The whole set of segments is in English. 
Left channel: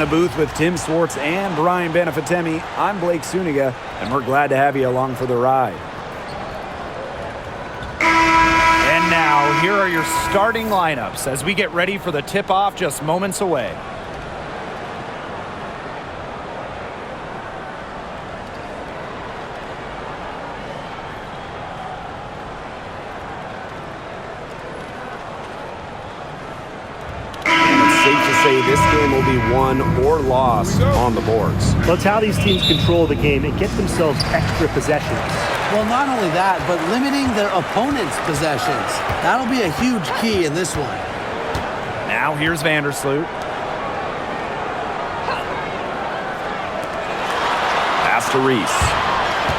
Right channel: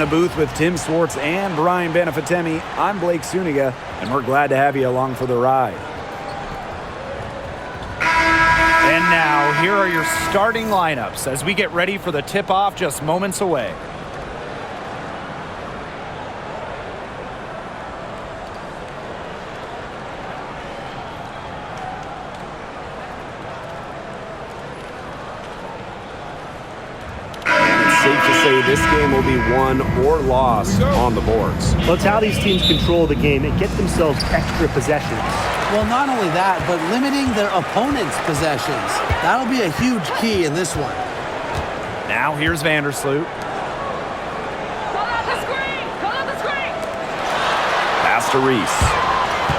the booth with Tim Swartz and Brian Benefitemi, I'm Blake Suniga, and we're glad to have you along for the ride. And now, here are your starting lineups as we get ready for the tip-off just moments away. Safe to say this game will be won or lost on the boards. Well, it's how these teams control the game and get themselves extra possessions. Well, not only that, but limiting their opponent's possessions. That'll be a huge key in this one. Now here's Vandersloot. Pass to Reese.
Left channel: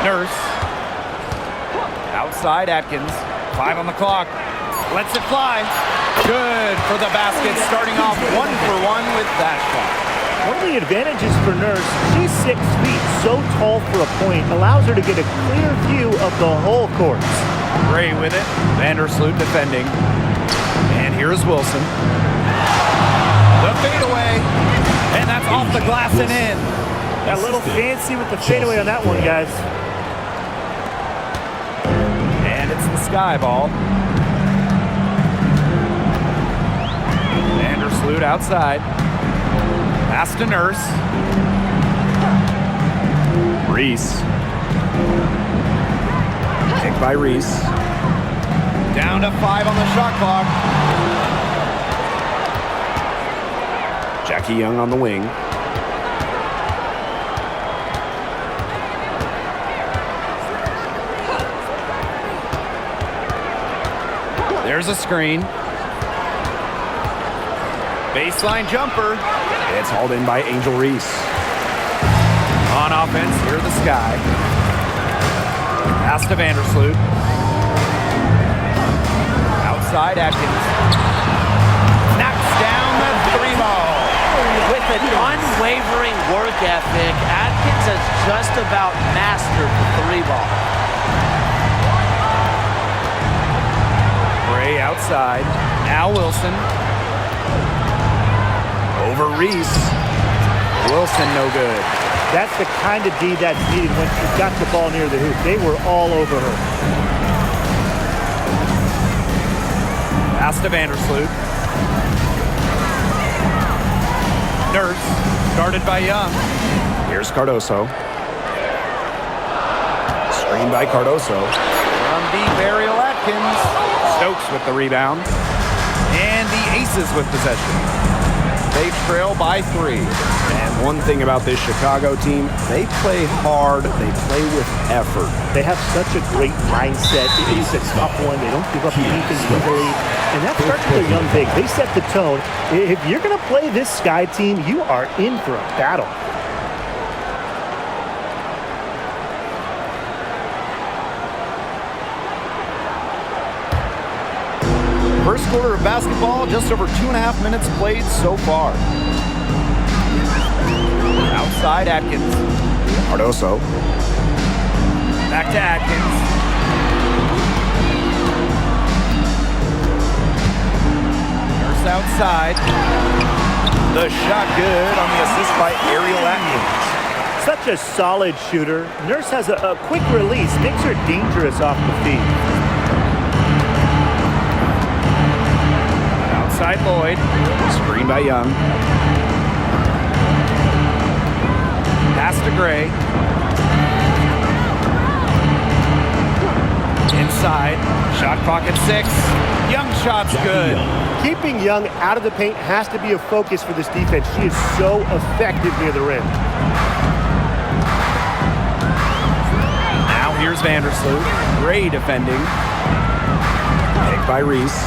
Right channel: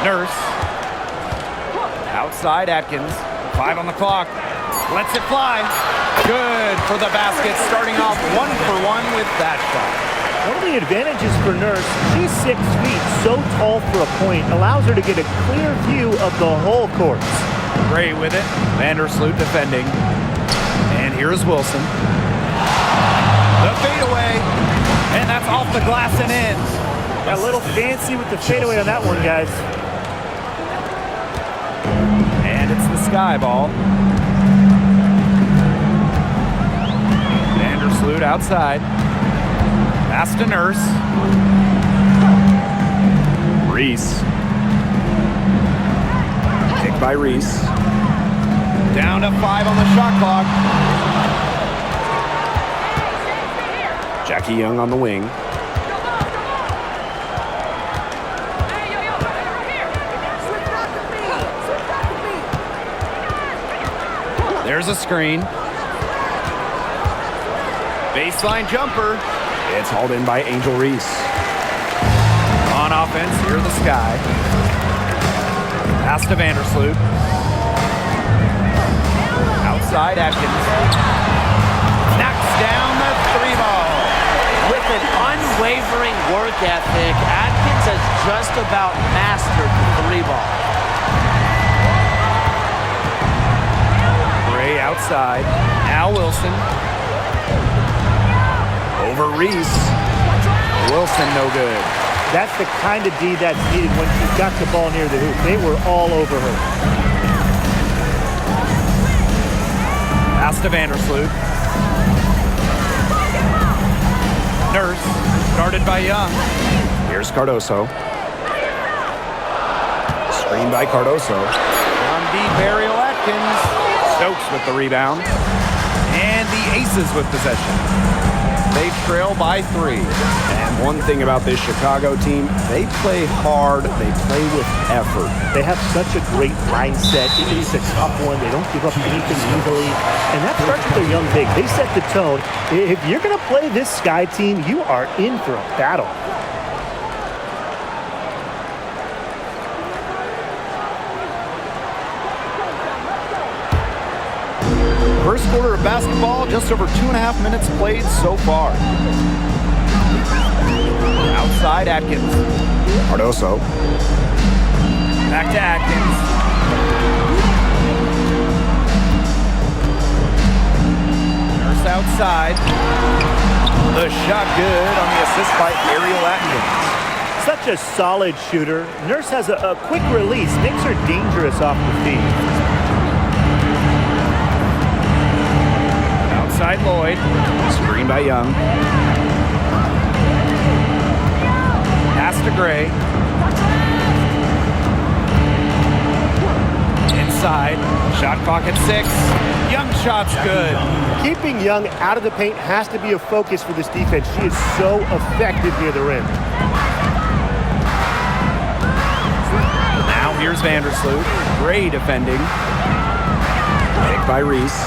Nurse. Outside Atkins. 5 on the clock. Lets it fly. Good for the basket, starting off 1-for-1 with that shot. One of the advantages for Nurse, she's 6 feet, so tall for a point, allows her to get a clear view of the whole court. Gray with it. Vandersloot defending. And here's Wilson. The fadeaway. And that's off the glass and in. Got a little fancy with the fadeaway on that one, guys. And it's the sky ball. Vandersloot outside. Pass to Nurse. Reese. Pick by Reese. Down to 5 on the shot clock. Jackie Young on the wing. There's a screen. Baseline jumper. It's hauled in by Angel Reese. On offense, here the sky. Pass to Vandersloot. Outside Atkins. Knocks down the 3 ball. With an unwavering work ethic, Atkins has just about mastered the 3 ball. Gray outside. Now Wilson. Over Reese. Wilson no good. That's the kind of D that's needed when she's got the ball near the hoop. They were all over her. Pass to Vandersloot. Nurse. Guarded by Young. Here's Cardoso. Screen by Cardoso. From deep, Ariel Atkins. Stokes with the rebound. And the Aces with possession. They trail by 3. And one thing about this Chicago team, they play hard, they play with effort. They have such a great mindset. It is a tough one. They don't give up anything easily. And that starts with their young bigs. They set the tone. If you're going to play this Sky team, you are in for a battle. First quarter of basketball, just over 2.5 minutes played so far. Outside Atkins. Cardoso. Back to Atkins. Nurse outside. The shot good on the assist by Ariel Atkins. Such a solid shooter. Nurse has a quick release, makes her dangerous off the feed. Outside Lloyd. Screen by Young. Pass to Gray. Inside. Shot clock at 6. Young shot's good. Keeping Young out of the paint has to be a focus for this defense. She is so effective near the rim. Now here's Vandersloot. Gray defending. Pick by Reese.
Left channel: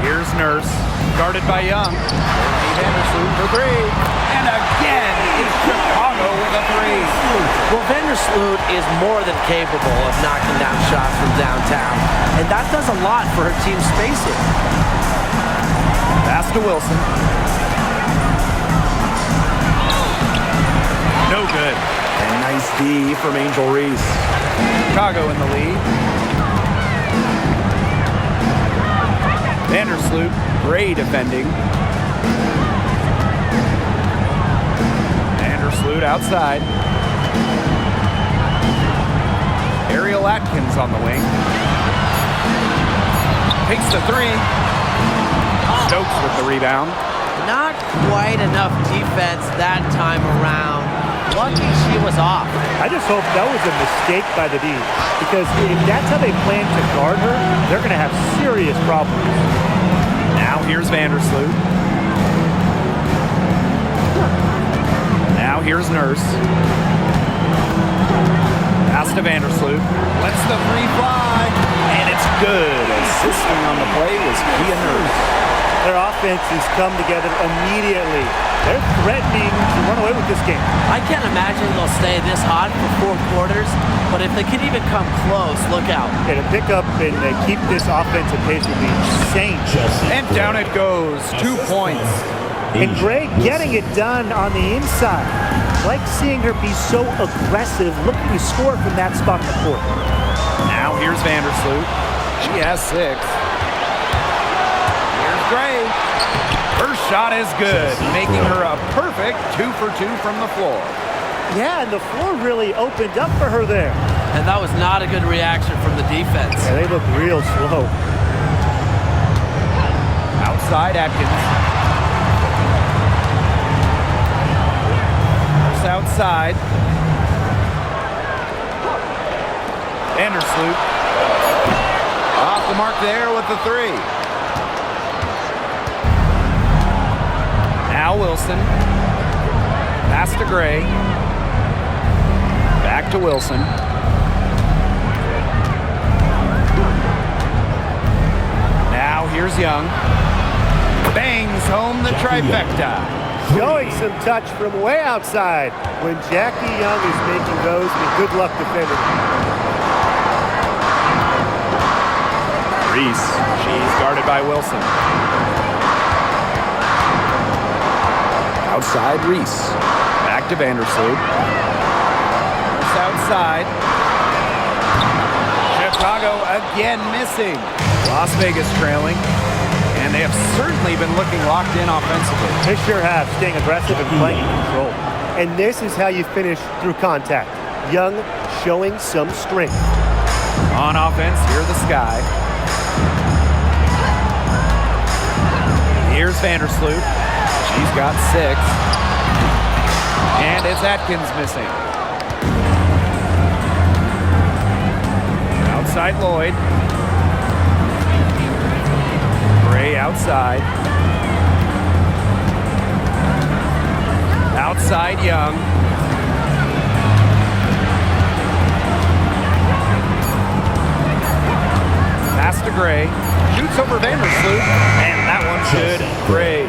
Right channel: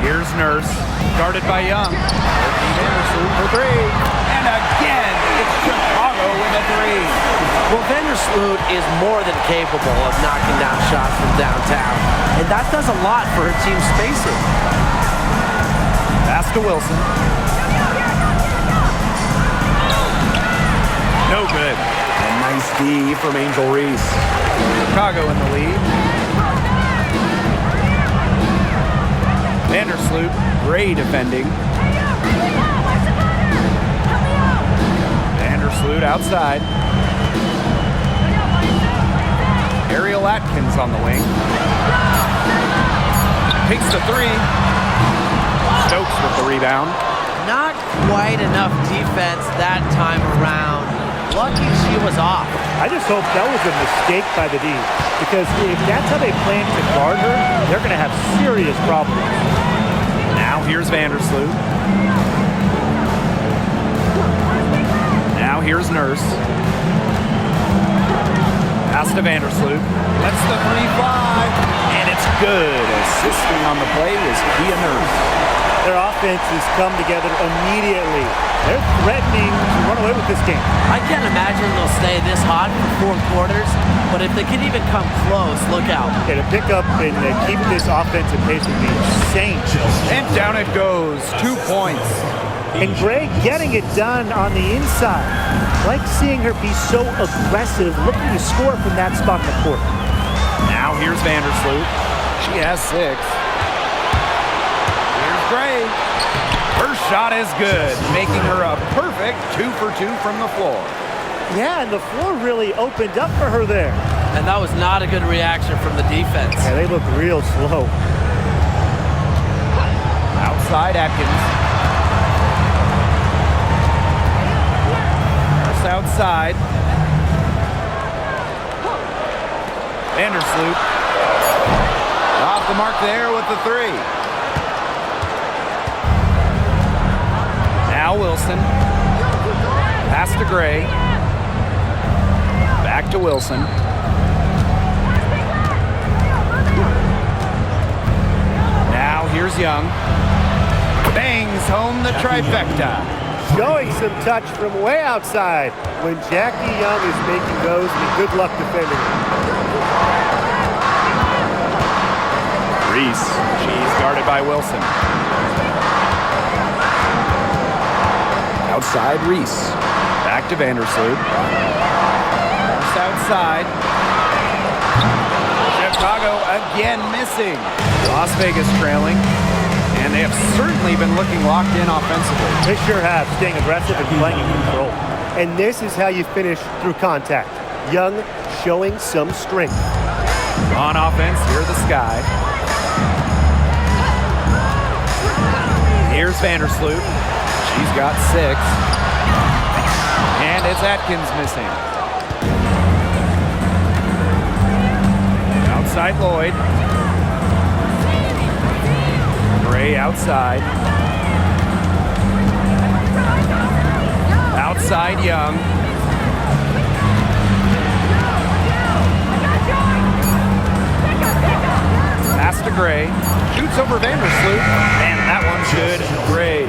Here's Nurse. Guarded by Young. Vandersloot for 3. And again, it's Chicago with a 3. Well, Vandersloot is more than capable of knocking down shots from downtown. And that does a lot for her team's spacing. Pass to Wilson. No good. And nice D from Angel Reese. Chicago in the lead. Vandersloot Gray defending. Vandersloot outside. Ariel Atkins on the wing. Takes the three. Stokes with the rebound. Not quite enough defense that time around. Lucky she was off. I just hope that was a mistake by the D, because if that's how they plan to guard her, they're going to have serious problems. Now here's Vandersloot. Now here's Nurse. Pass to Vandersloot. Lets the three fly. And it's good. Assisting on the play was Kia Nurse. Their offense has come together immediately. They're threatening to run away with this game. I can't imagine they'll stay this hot for 4 quarters, but if they can even come close, look out. Yeah, to pick up and keep this offensive pace would be insane. And down it goes. 2 points. And Gray getting it done on the inside. Like seeing her be so aggressive, looking to score from that spot in the court. Now here's Vandersloot. She has 6. Here's Gray. Her shot is good, making her a perfect 2 for 2 from the floor. Yeah, and the floor really opened up for her there. And that was not a good reaction from the defense. Yeah, they look real slow. Outside Atkins. Nurse outside. Vandersloot. Off the mark there with the 3. Now Wilson. Pass to Gray. Back to Wilson. Now here's Young. Bangs home the trifecta. Showing some touch from way outside when Jackie Young is making those, and good luck defending it. Reese. She's guarded by Wilson. Outside Reese. Back to Vandersloot. Nurse outside. Chicago again missing. Las Vegas trailing. And they have certainly been looking locked in offensively. They sure have, staying aggressive and playing in control. And this is how you finish through contact. Young showing some strength. On offense, here the Sky. Here's Vandersloot. She's got 6. And it's Atkins missing. Outside Lloyd. Gray outside. Outside Young. Pass to Gray. Shoots over Vandersloot. And that one's good. Gray.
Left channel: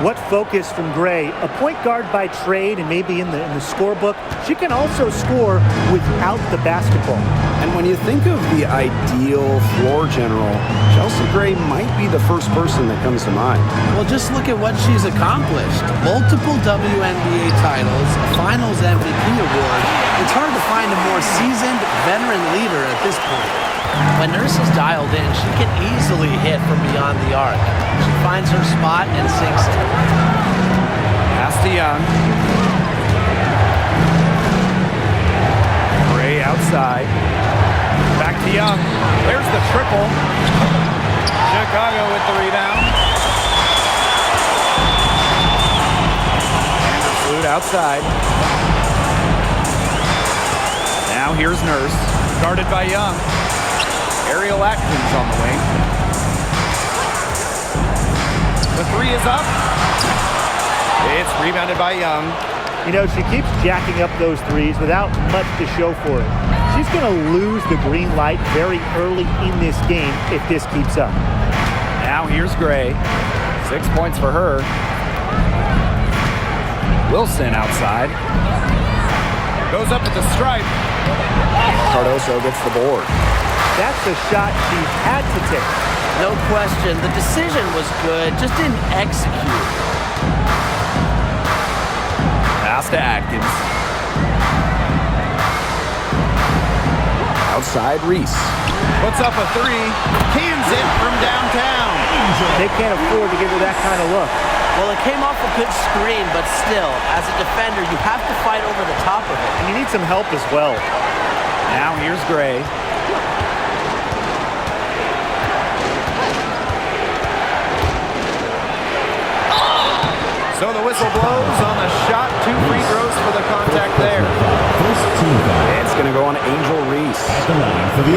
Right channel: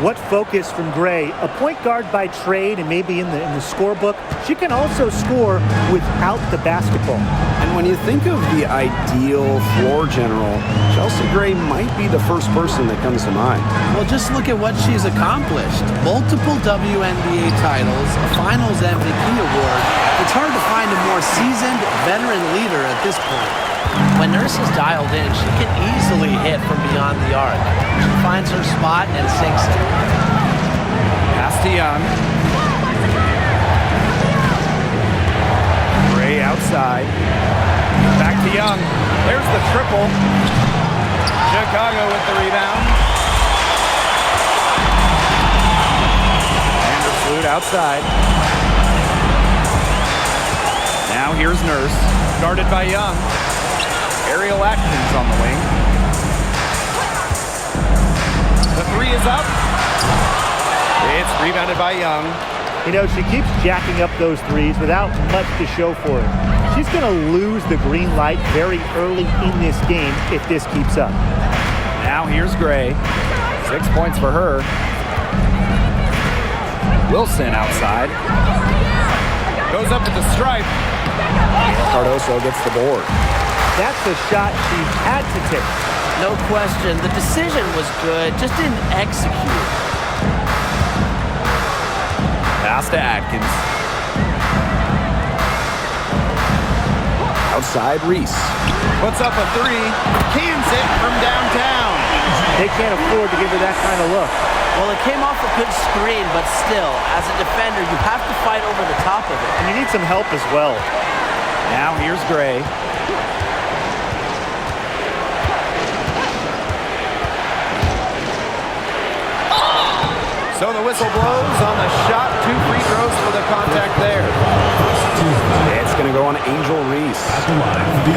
What focus from Gray, a point guard by trade and maybe in the scorebook. She can also score without the basketball. And when you think of the ideal floor general, Chelsea Gray might be the first person that comes to mind. Well, just look at what she's accomplished. Multiple WNBA titles, a Finals MVP award. It's hard to find a more seasoned veteran leader at this point. When Nurse is dialed in, she can easily hit from beyond the arc. She finds her spot and sinks it. Pass to Young. Gray outside. Back to Young. There's the triple. Chicago with the rebound. Vandersloot outside. Now here's Nurse. Guarded by Young. Ariel Atkins on the wing. The 3 is up. It's rebounded by Young. You know, she keeps jacking up those threes without much to show for it. She's going to lose the green light very early in this game if this keeps up. Now here's Gray. 6 points for her. Wilson outside. Goes up at the stripe. Cardoso gets the board. That's the shot she had to take. No question. The decision was good, just didn't execute. Pass to Atkins. Outside Reese. Puts up a three. Cans it from downtown. They can't afford to give her that kind of look. Well, it came off a good screen, but still, as a defender, you have to fight over the top of it. And you need some help as well. Now here's Gray. So the whistle blows on the shot. 2 free throws for the contact there. It's going to go on Angel Reese.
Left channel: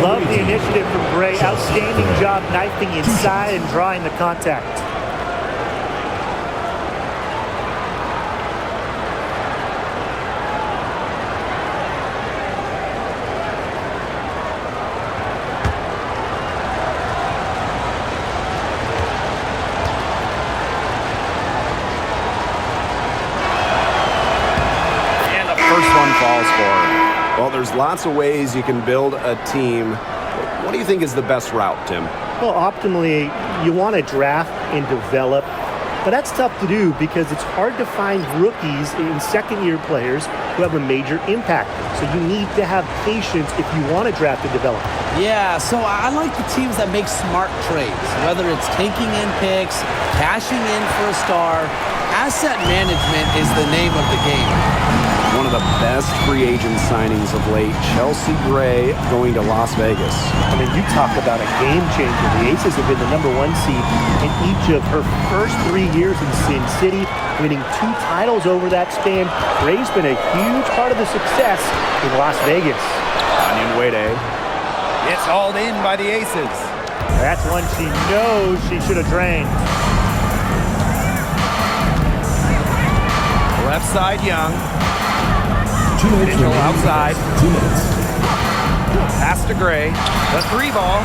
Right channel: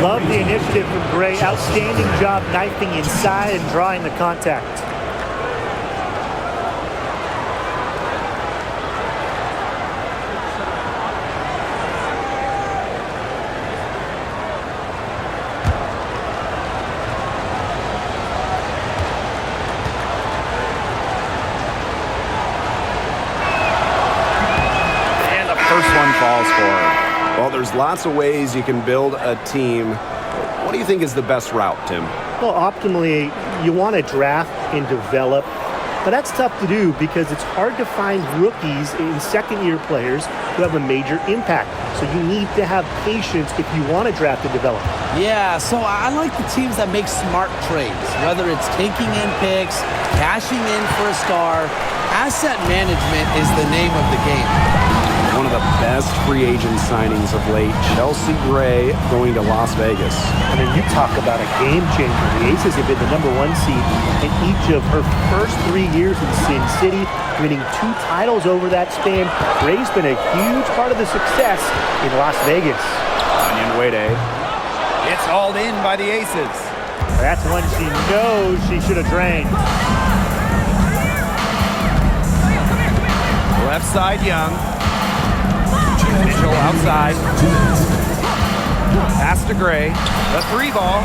Love the initiative from Gray. Outstanding job knifing inside and drawing the contact. First one falls for her. Well, there's lots of ways you can build a team. What do you think is the best route, Tim? Well, optimally, you want to draft and develop, but that's tough to do because it's hard to find rookies and second-year players who have a major impact. So you need to have patience if you want to draft and develop. Yeah, so I like the teams that make smart trades, whether it's taking in picks, cashing in for a star. Asset management is the name of the game. One of the best free agent signings of late, Chelsea Gray going to Las Vegas. I mean, you talk about a game changer. The Aces have been the #1 seed in each of her first 3 years in Sin City, winning 2 titles over that span. Gray's been a huge part of the success in Las Vegas. Onion Wade. It's hauled in by the Aces. That's one she knows she should have drained. Left side, Young. Mitchell outside. Pass to Gray. The 3 ball.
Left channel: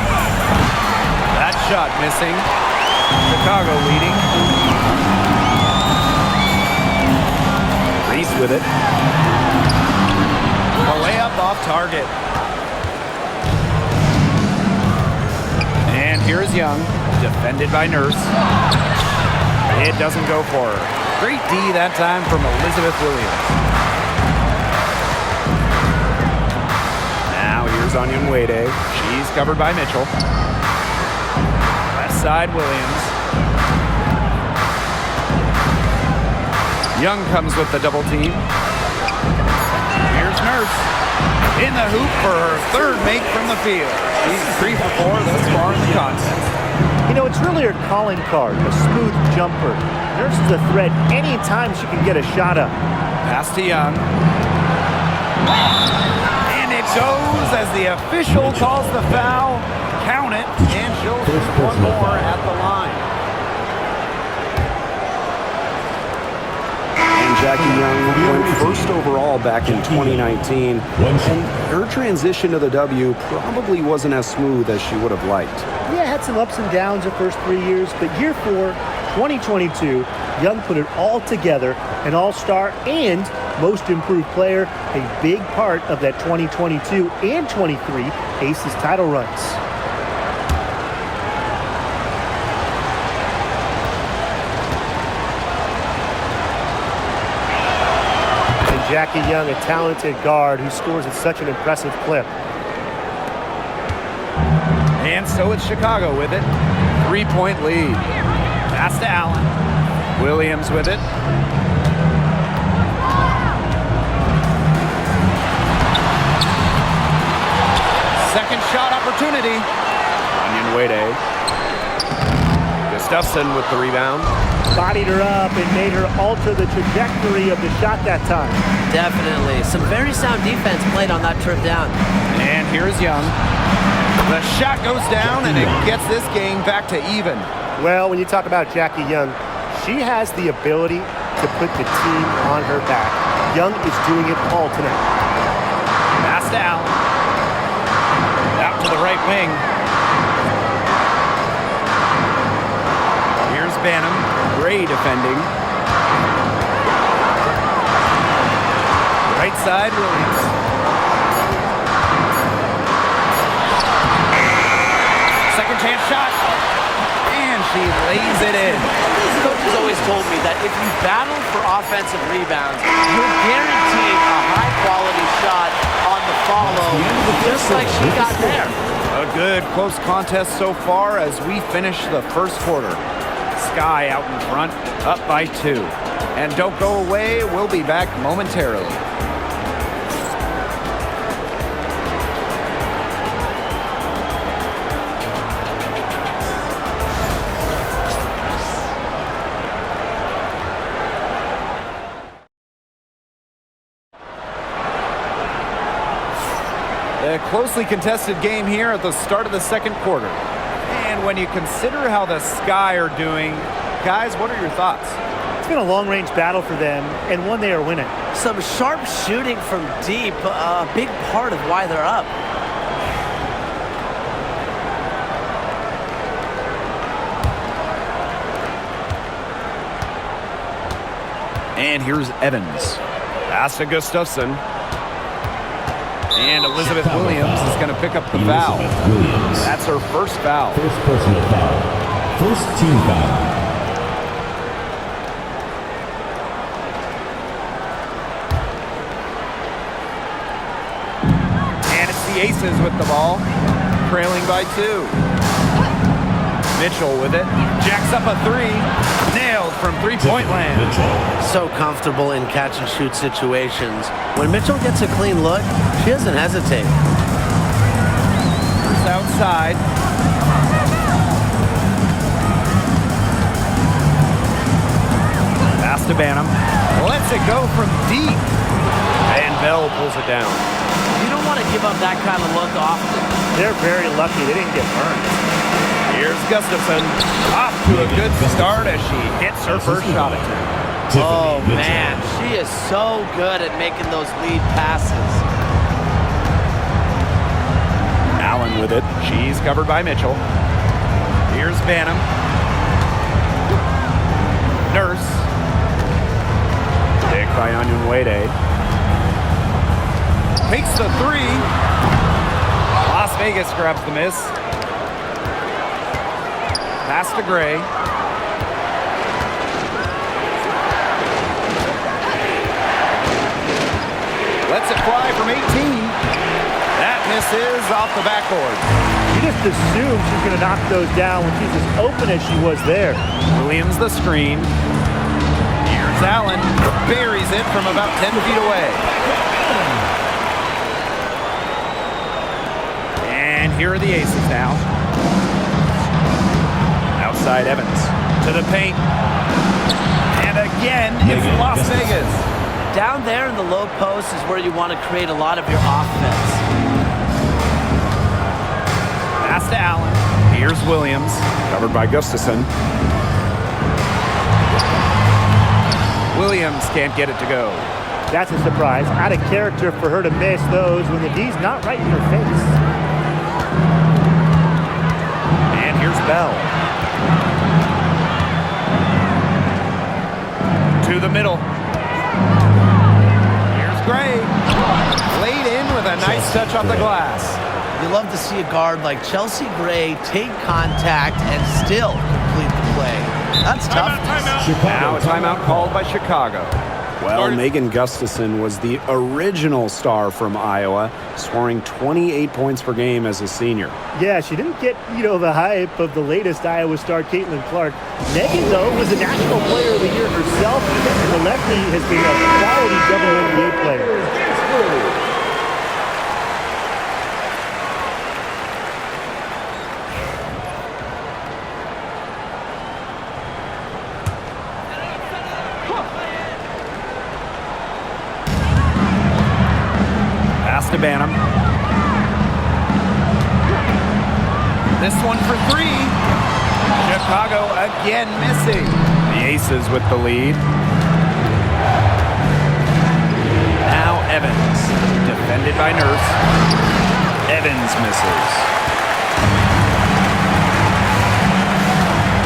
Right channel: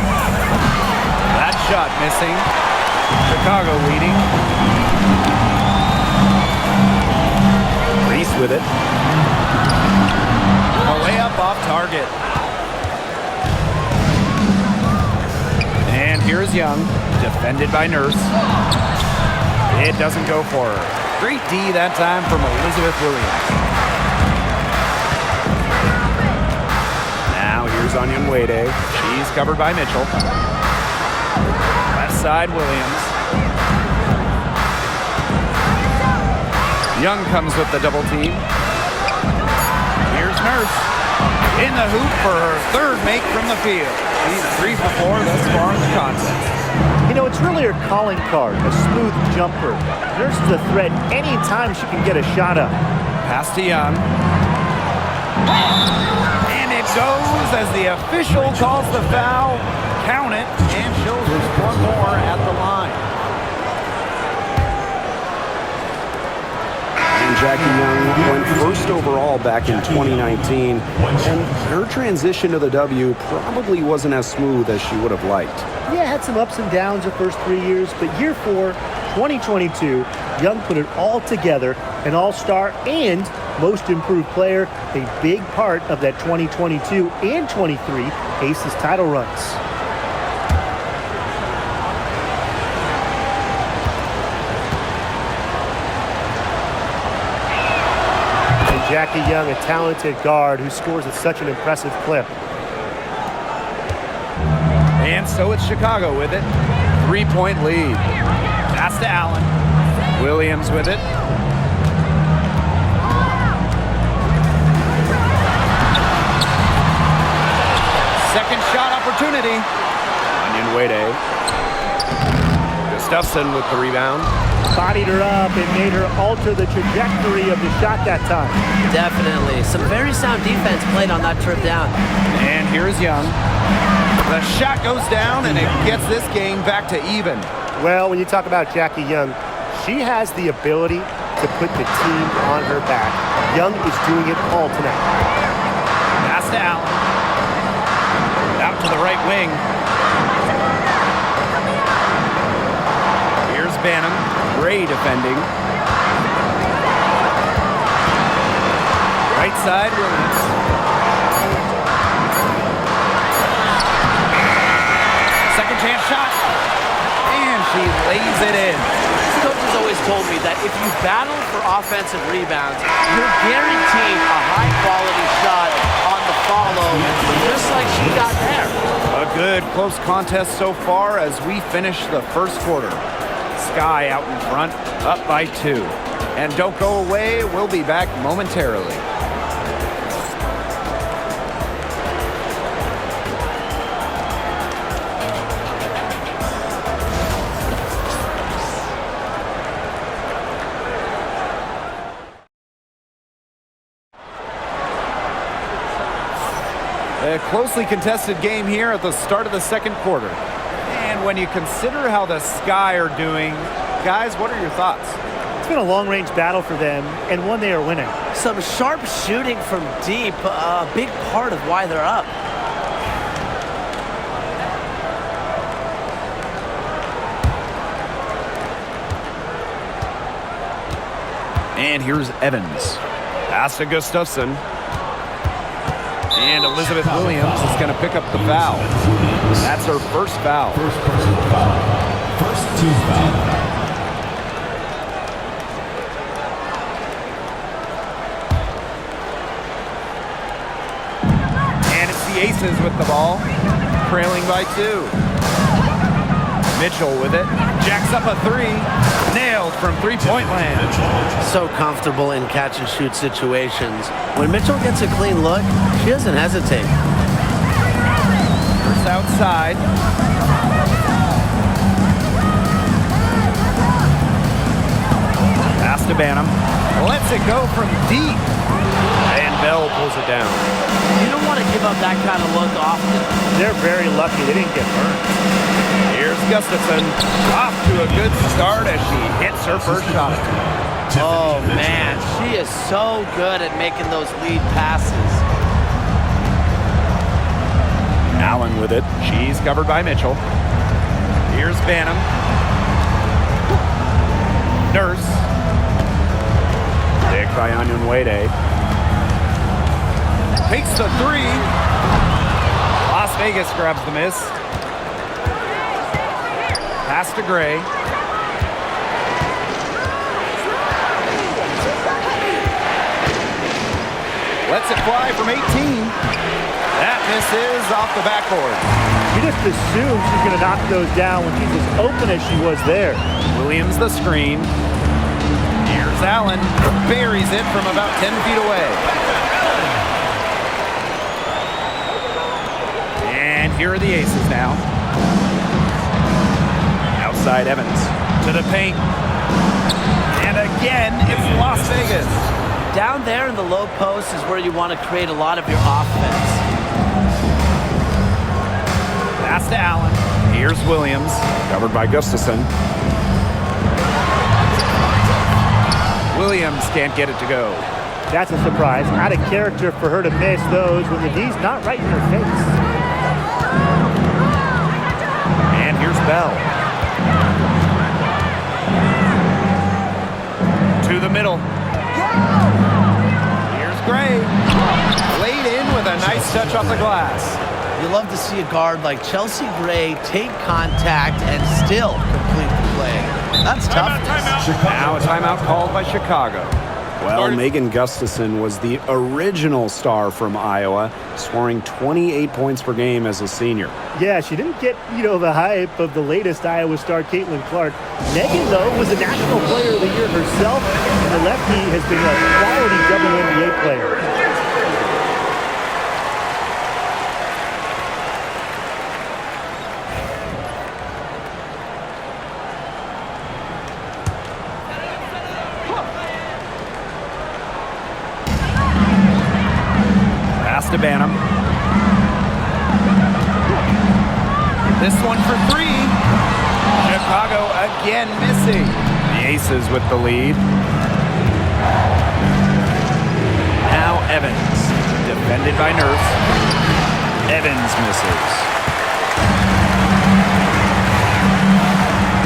That shot missing. Chicago leading. Reese with it. A layup off target. And here's Young. Defended by Nurse. It doesn't go for her. Great D that time from Elizabeth Williams. Now here's Onion Wade. She's covered by Mitchell. Left side, Williams. Young comes with the double team. Here's Nurse. In the hoop for her 3rd make from the field. She's 3 for 4 thus far in the contest. You know, it's really her calling card, a smooth jumper. Nurse is a threat anytime she can get a shot up. Pass to Young. And it goes as the official calls the foul. Count it, and she'll shoot one more at the line. And Jackie Young went first overall back in 2019. And her transition to the W probably wasn't as smooth as she would have liked. Yeah, had some ups and downs her first 3 years, but year 4, 2022, Young put it all together, an all-star and most improved player, a big part of that 2022 and 23 Aces title runs. And Jackie Young, a talented guard who scores at such an impressive clip. And so it's Chicago with it. 3-point lead. Pass to Allen. Williams with it. Second shot opportunity. Onion Wade. Gustafson with the rebound. Bodied her up and made her alter the trajectory of the shot that time. Definitely. Some very sound defense played on that trip down. And here's Young. The shot goes down, and it gets this game back to even. Well, when you talk about Jackie Young, she has the ability to put the team on her back. Young is doing it all tonight. Pass to Allen. Out to the right wing. Here's Banham. Gray defending. Right side, Williams. Second chance shot. And she lays it in. Coaches always told me that if you battle for offensive rebounds, you're guaranteed a high-quality shot on the follow, just like she got there. A good close contest so far as we finish the first quarter. Sky out in front, up by 2. And don't go away, we'll be back momentarily. A closely contested game here at the start of the second quarter. And when you consider how the Sky are doing, guys, what are your thoughts? It's been a long-range battle for them, and one they are winning. Some sharp shooting from deep, a big part of why they're up. And here's Evans. Pass to Gustafson. And Elizabeth Williams is going to pick up the foul. That's her first foul. First personal foul. First team foul. And it's the Aces with the ball, trailing by 2. Mitchell with it. Jacks up a 3. Nailed from three-point land. So comfortable in catch-and-shoot situations. When Mitchell gets a clean look, she doesn't hesitate. First outside. Pass to Banham. Lets it go from deep. And Bell pulls it down. You don't want to give up that kind of look often. They're very lucky they didn't get burned. Here's Gustafson. Off to a good start as she hits her first shot attempt. Oh, man. She is so good at making those lead passes. Allen with it. She's covered by Mitchell. Here's Banham. Nurse. Pick by Onyenwere. Takes the 3. Las Vegas grabs the miss. Pass to Gray. Lets it fly from 18. That misses off the backboard. You just assume she's going to knock those down when she's as open as she was there. Williams the screen. Here's Allen. Buries it from about 10 feet away. And here are the Aces now. Outside Evans. To the paint. And again, it's Las Vegas. Down there in the low post is where you want to create a lot of your offense. Pass to Allen. Here's Williams. Covered by Gustafson. Williams can't get it to go. That's a surprise. Out of character for her to miss those when the D's not right in her face. And here's Bell. To the middle. Here's Gray. Laid in with a nice touch off the glass. You love to see a guard like Chelsea Gray take contact and still complete the play. That's toughness. Now a timeout called by Chicago. Well, Megan Gustafson was the original star from Iowa, scoring 28 points per game as a senior. Yeah, she didn't get, the hype of the latest Iowa star, Caitlin Clark. Megan, though, was a National Player of the Year herself, and the lefty has been a quality WNBA player. Pass to Banham. This one for 3. Chicago again missing. The Aces with the lead. Now Evans. Defended by Nurse. Evans misses.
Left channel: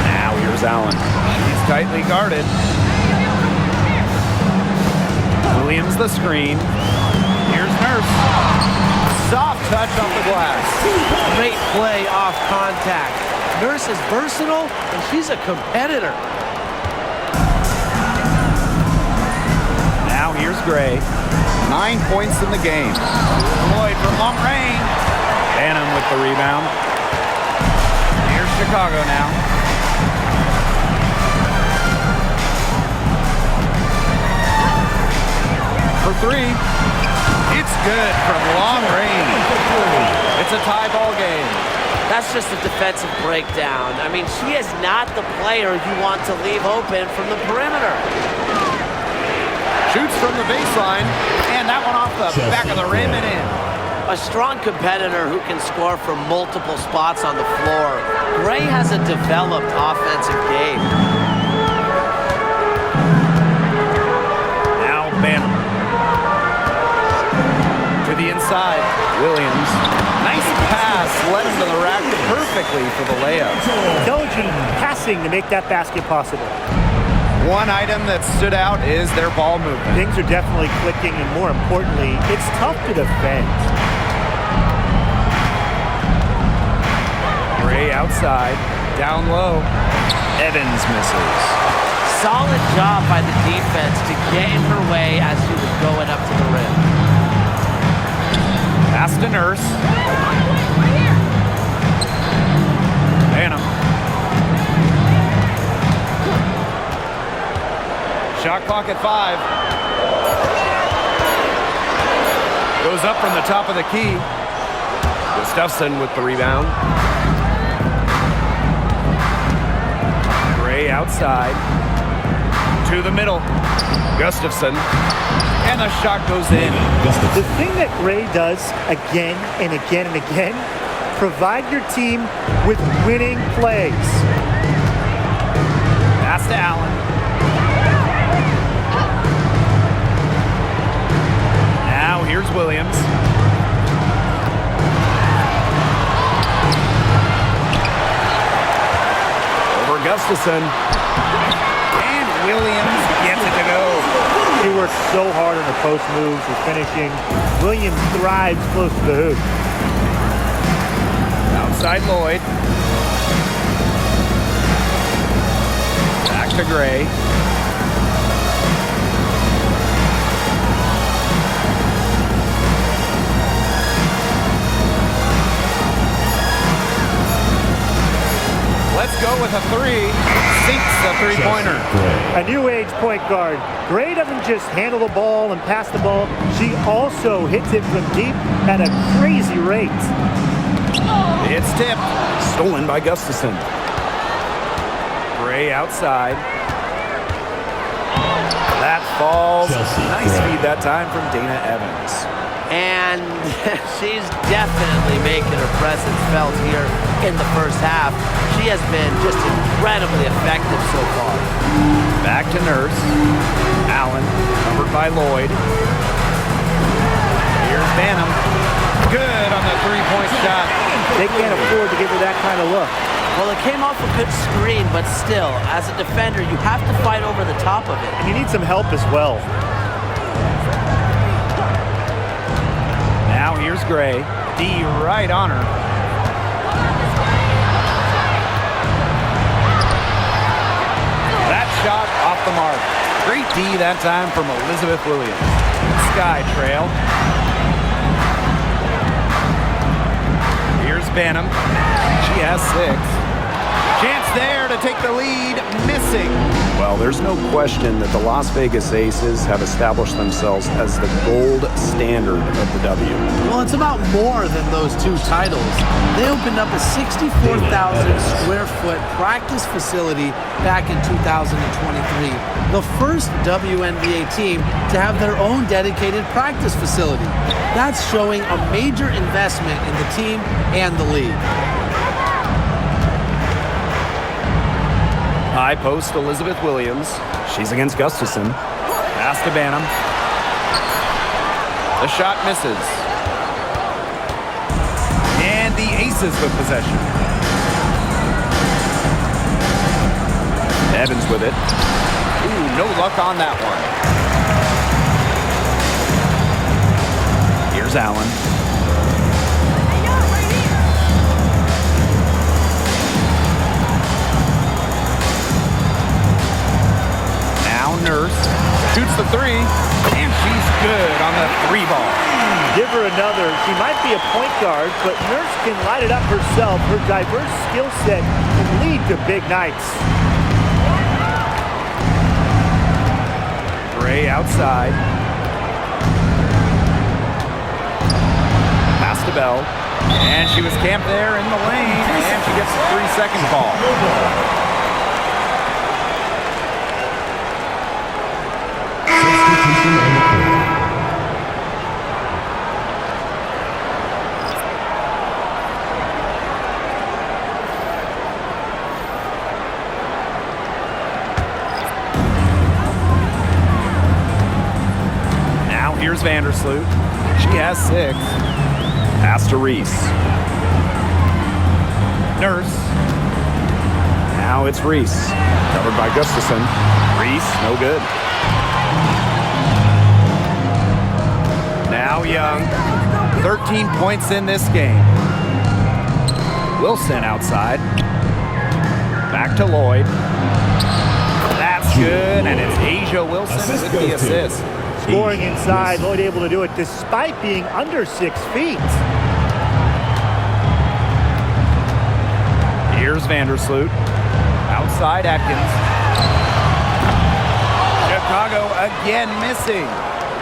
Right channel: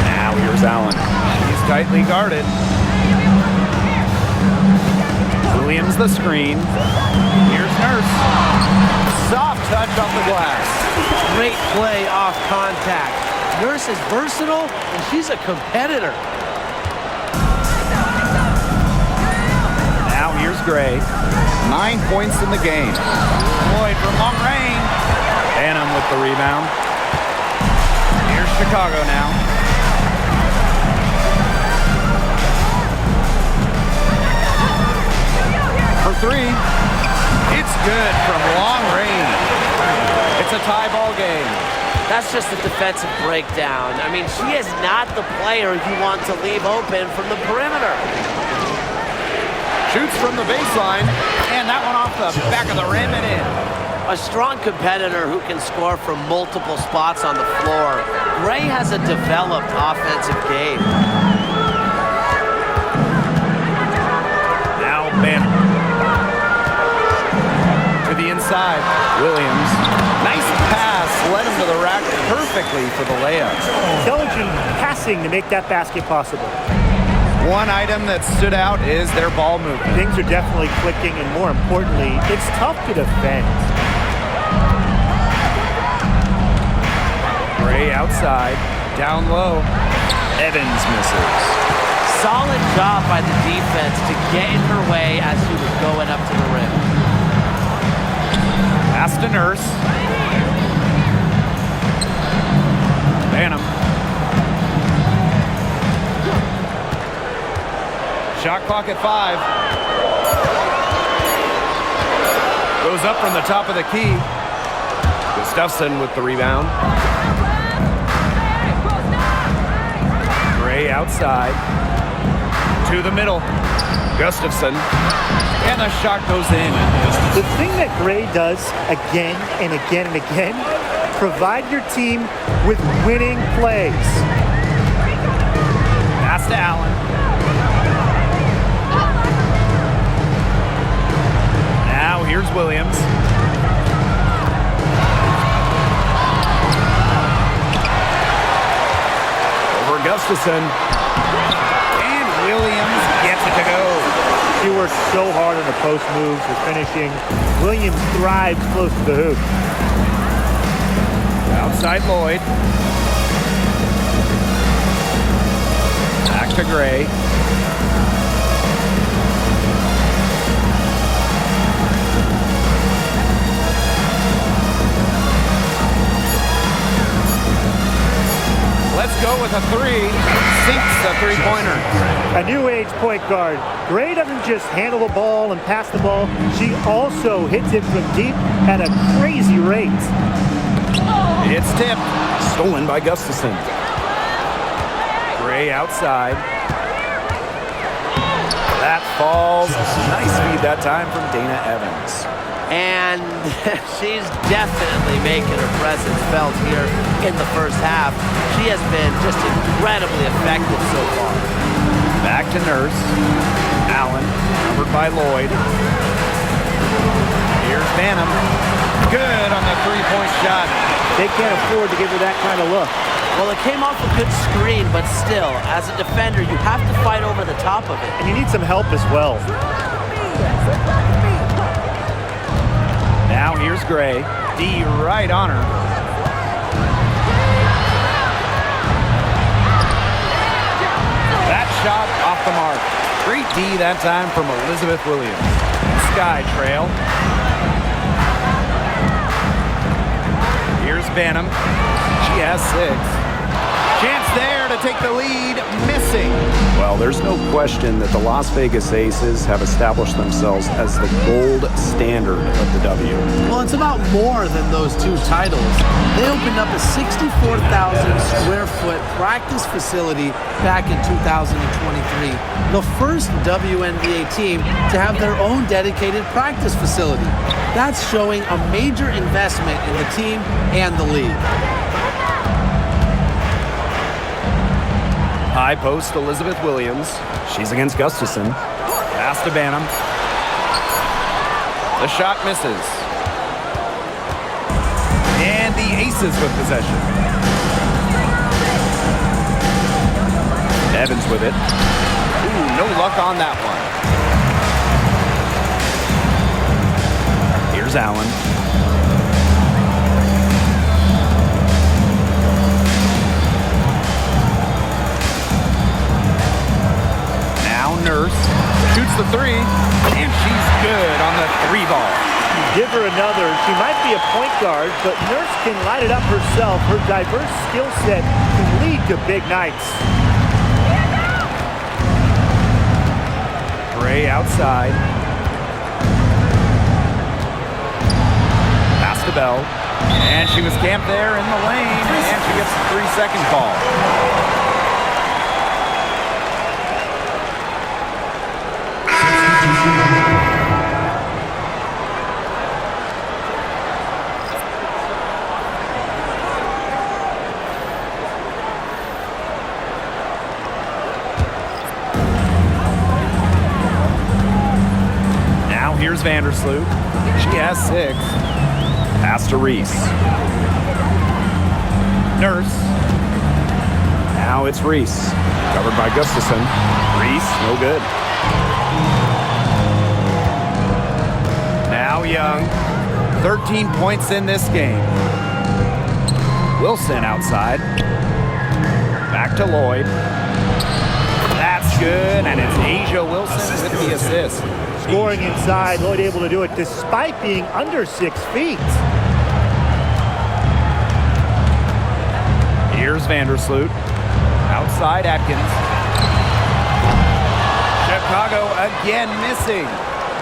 Now here's Allen. She's tightly guarded. Williams the screen. Here's Nurse. Soft touch off the glass. Great play off contact. Nurse is versatile, and she's a competitor. Now here's Gray. 9 points in the game. Lloyd from long range. Banham with the rebound. Here's Chicago now. For three. It's good from long range. It's a tie ball game. That's just a defensive breakdown. I mean, she is not the player you want to leave open from the perimeter. Shoots from the baseline, and that one off the back of the rim and in. A strong competitor who can score from multiple spots on the floor. Gray has a developed offensive game. Now Banham. To the inside, Williams. Nice pass, led him to the rack perfectly for the layup. Intelligent passing to make that basket possible. One item that stood out is their ball movement. Things are definitely clicking, and more importantly, it's tough to defend. Gray outside, down low. Evans misses. Solid job by the defense to get in her way as she was going up to the rim. Pass to Nurse. Banham. Shot clock at 5. Goes up from the top of the key. Gustafson with the rebound. Gray outside. To the middle. Gustafson. And the shot goes in. The thing that Gray does again and again and again, provide your team with winning plays. Pass to Allen. Now here's Williams. Over Gustafson. And Williams gets it to go. She works so hard on her post moves, her finishing. Williams thrives close to the hoop. Outside Lloyd. Back to Gray. Let's go with a three. Sinks the three-pointer. A new age point guard. Gray doesn't just handle the ball and pass the ball. She also hits it from deep at a crazy rate. It's tipped. Stolen by Gustafson. Gray outside. That falls. Nice feed that time from Dana Evans. And she's definitely making her presence felt here in the first half. She has been just incredibly effective so far. Back to Nurse. Allen, covered by Lloyd. Here's Banham. Good on the three-point shot. They can't afford to give her that kind of look. Well, it came off a good screen, but still, as a defender, you have to fight over the top of it. And you need some help as well. Now here's Gray. D right on her. That shot off the mark. Great D that time from Elizabeth Williams. Sky trail. Here's Banham. She has 6. Chance there to take the lead. Missing. Well, there's no question that the Las Vegas Aces have established themselves as the gold standard of the W. Well, it's about more than those 2 titles. They opened up a 64,000 square foot practice facility back in 2023. The first WNBA team to have their own dedicated practice facility. That's showing a major investment in the team and the league. High post Elizabeth Williams. She's against Gustafson. Pass to Banham. The shot misses. And the Aces with possession. Evans with it. Ooh, no luck on that one. Here's Allen. Now Nurse shoots the 3, and she's good on the 3 ball. Give her another. She might be a point guard, but Nurse can light it up herself. Her diverse skill set can lead to big nights. Gray outside. Pass to Bell. And she was camped there in the lane, and she gets a 3-second call. Now here's Vandersloot. She has 6. Pass to Reese. Nurse. Now it's Reese. Covered by Gustafson. Reese, no good. Now Young. 13 points in this game. Wilson outside. Back to Lloyd. That's good, and it's Asia Wilson with the assist. Scoring inside, Lloyd able to do it despite being under 6 feet. Here's Vandersloot. Outside Atkins. Chicago again missing.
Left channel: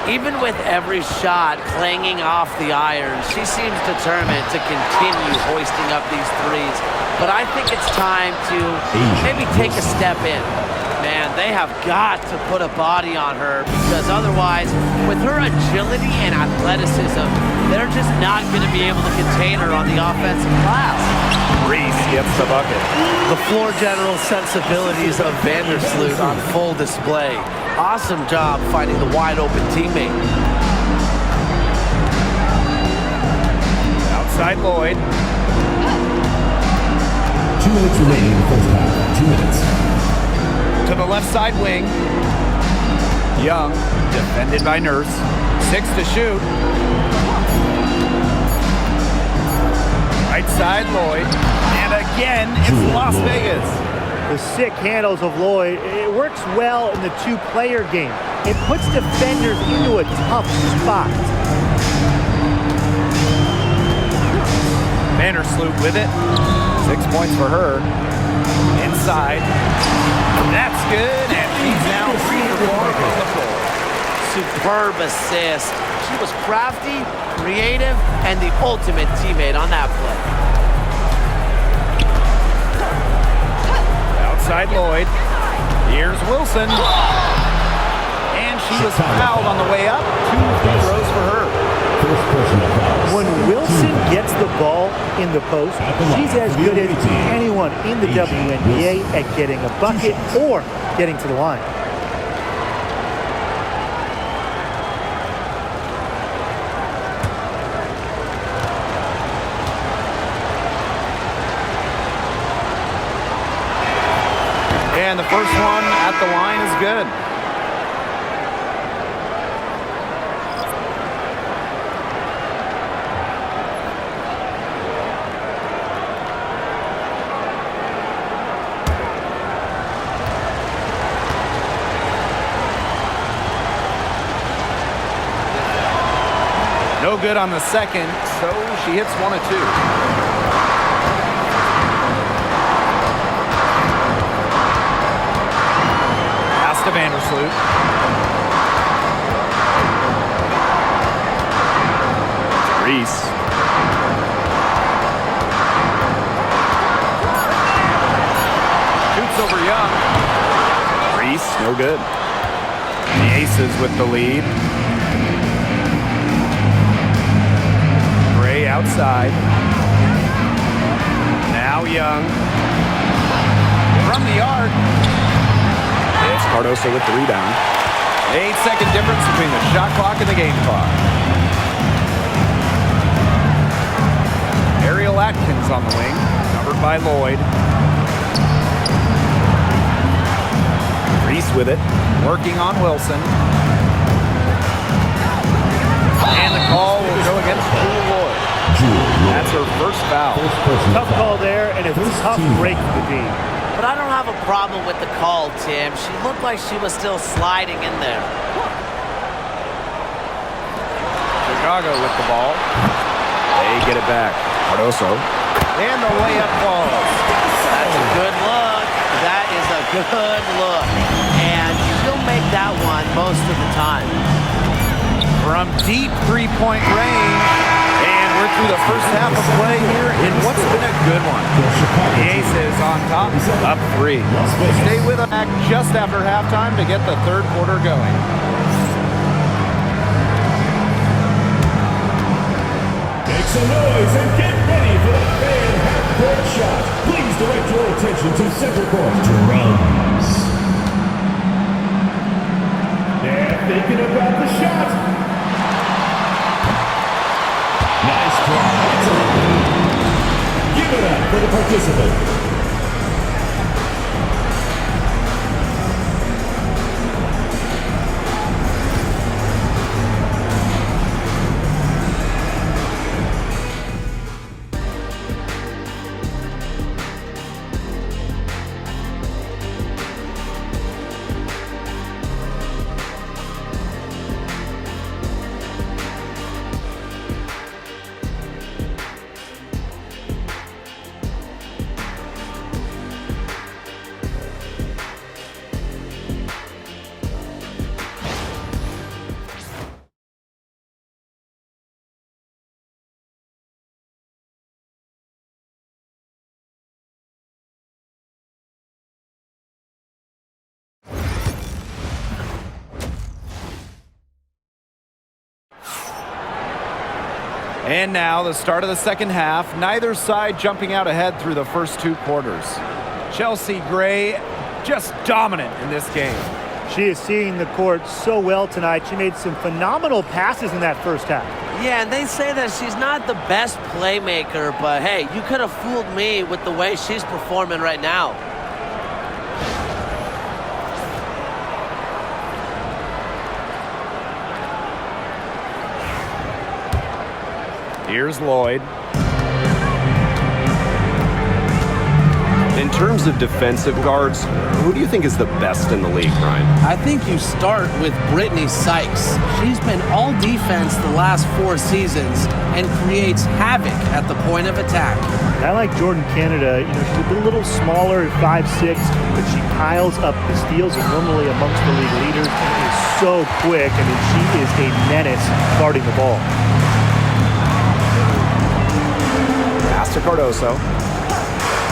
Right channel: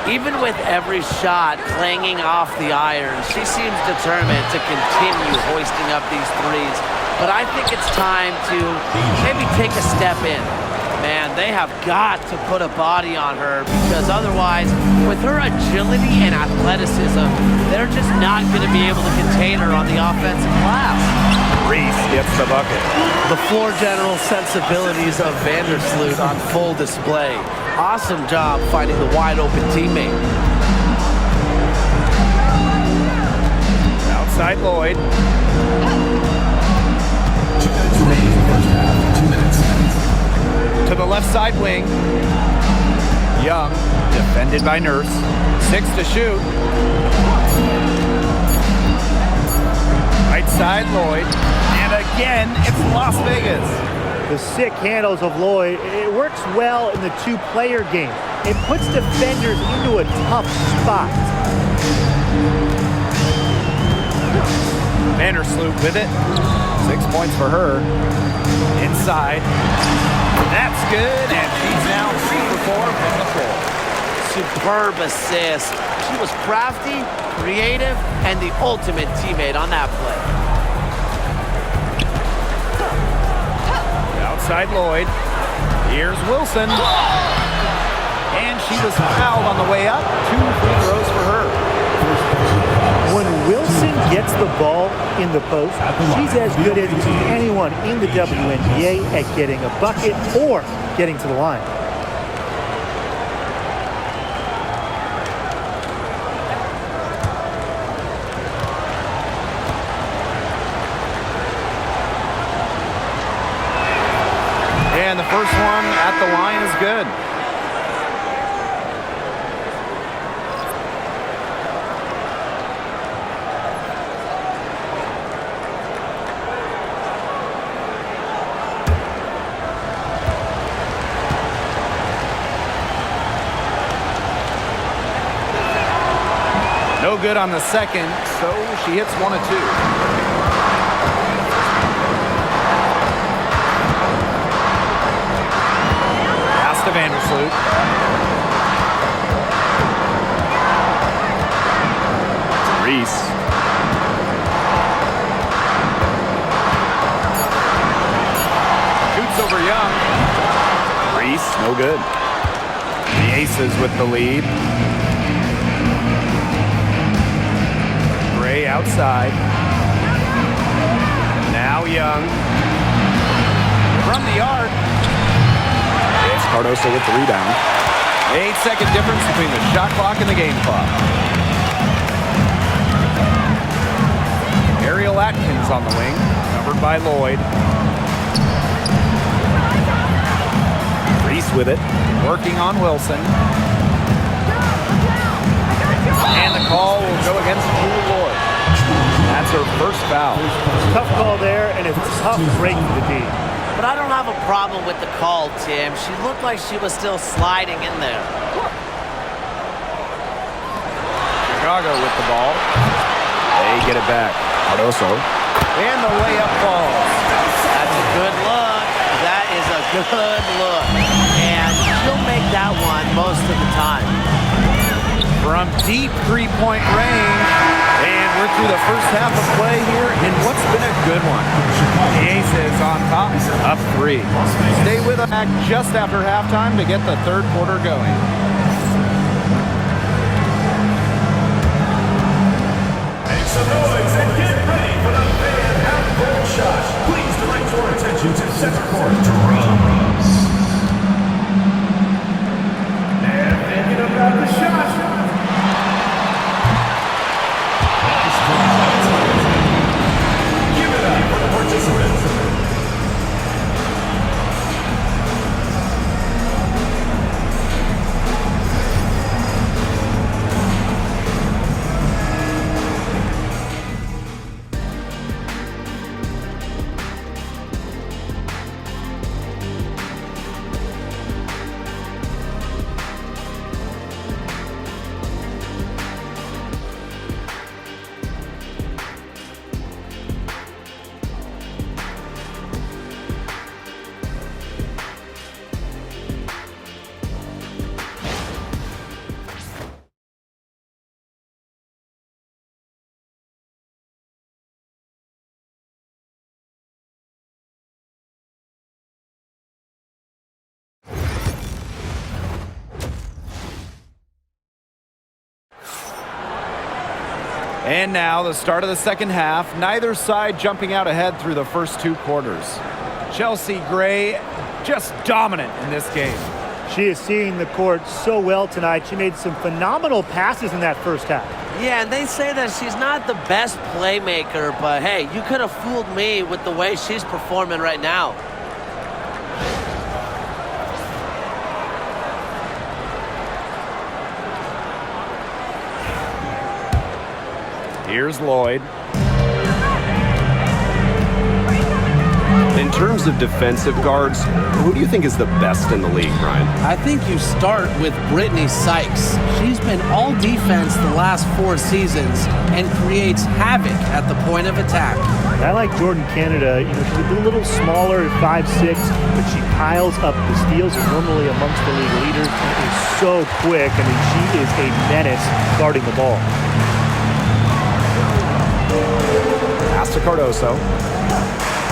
Even with every shot clanging off the iron, she seems determined to continue hoisting up these threes. But I think it's time to maybe take a step in. Man, they have got to put a body on her, because otherwise, with her agility and athleticism, they're just not going to be able to contain her on the offensive glass. Reese gets the bucket. The floor general sensibilities of Vandersloot on full display. Awesome job finding the wide open teammate. Outside Lloyd. 2 minutes remaining in the first half. 2 minutes. To the left side wing. Young, defended by Nurse. 6 to shoot. Right side Lloyd. And again, it's Las Vegas. The sick handles of Lloyd, it works well in the two-player game. It puts defenders into a tough spot. Vandersloot with it. 6 points for her. Inside. That's good, and she's now 3 for 4 from the floor. Superb assist. She was crafty, creative, and the ultimate teammate on that play. Outside Lloyd. Here's Wilson. And she was fouled on the way up. 2 free throws for her. When Wilson gets the ball in the post, she's as good as anyone in the WNBA at getting a bucket or getting to the line. And the first one at the line is good. No good on the second, so she hits 1 of 2. Pass to Vandersloot. Reese. Shoots over Young. Reese, no good. The Aces with the lead. Gray outside. Now Young. From the arc. It's Cardoso with the rebound. 8-second difference between the shot clock and the game clock. Ariel Atkins on the wing, covered by Lloyd. Reese with it. Working on Wilson. And the call will go against Jewel Lloyd. That's her first foul. Tough call there, and a tough break for the D. But I don't have a problem with the call, Tim. She looked like she was still sliding in there. Chicago with the ball. They get it back. Cardoso. And the layup falls. That's a good look. That is a good look. And she'll make that one most of the time. From deep three-point range. And we're through the first half of play here in what's been a good one. The Aces on top, up 3. Stay with us just after halftime to get the third quarter going. Make some noise and get ready for the fan half-court shot. Please direct your attention to center court. Drums. They're thinking about the shot. Nice try. Give it up for the participants. And now the start of the second half. Neither side jumping out ahead through the first 2 quarters. Chelsea Gray just dominant in this game. She is seeing the court so well tonight. She made some phenomenal passes in that first half. Yeah, and they say that she's not the best playmaker, but hey, you could have fooled me with the way she's performing right now. Here's Lloyd. In terms of defensive guards, who do you think is the best in the league, Brian? I think you start with Brittany Sykes. She's been all defense the last 4 seasons and creates havoc at the point of attack. And I like Jordan Canada. She's a little smaller at 5'6", but she piles up the steals and normally amongst the league leaders and is so quick. She is a menace guarding the ball. Pass to Cardoso.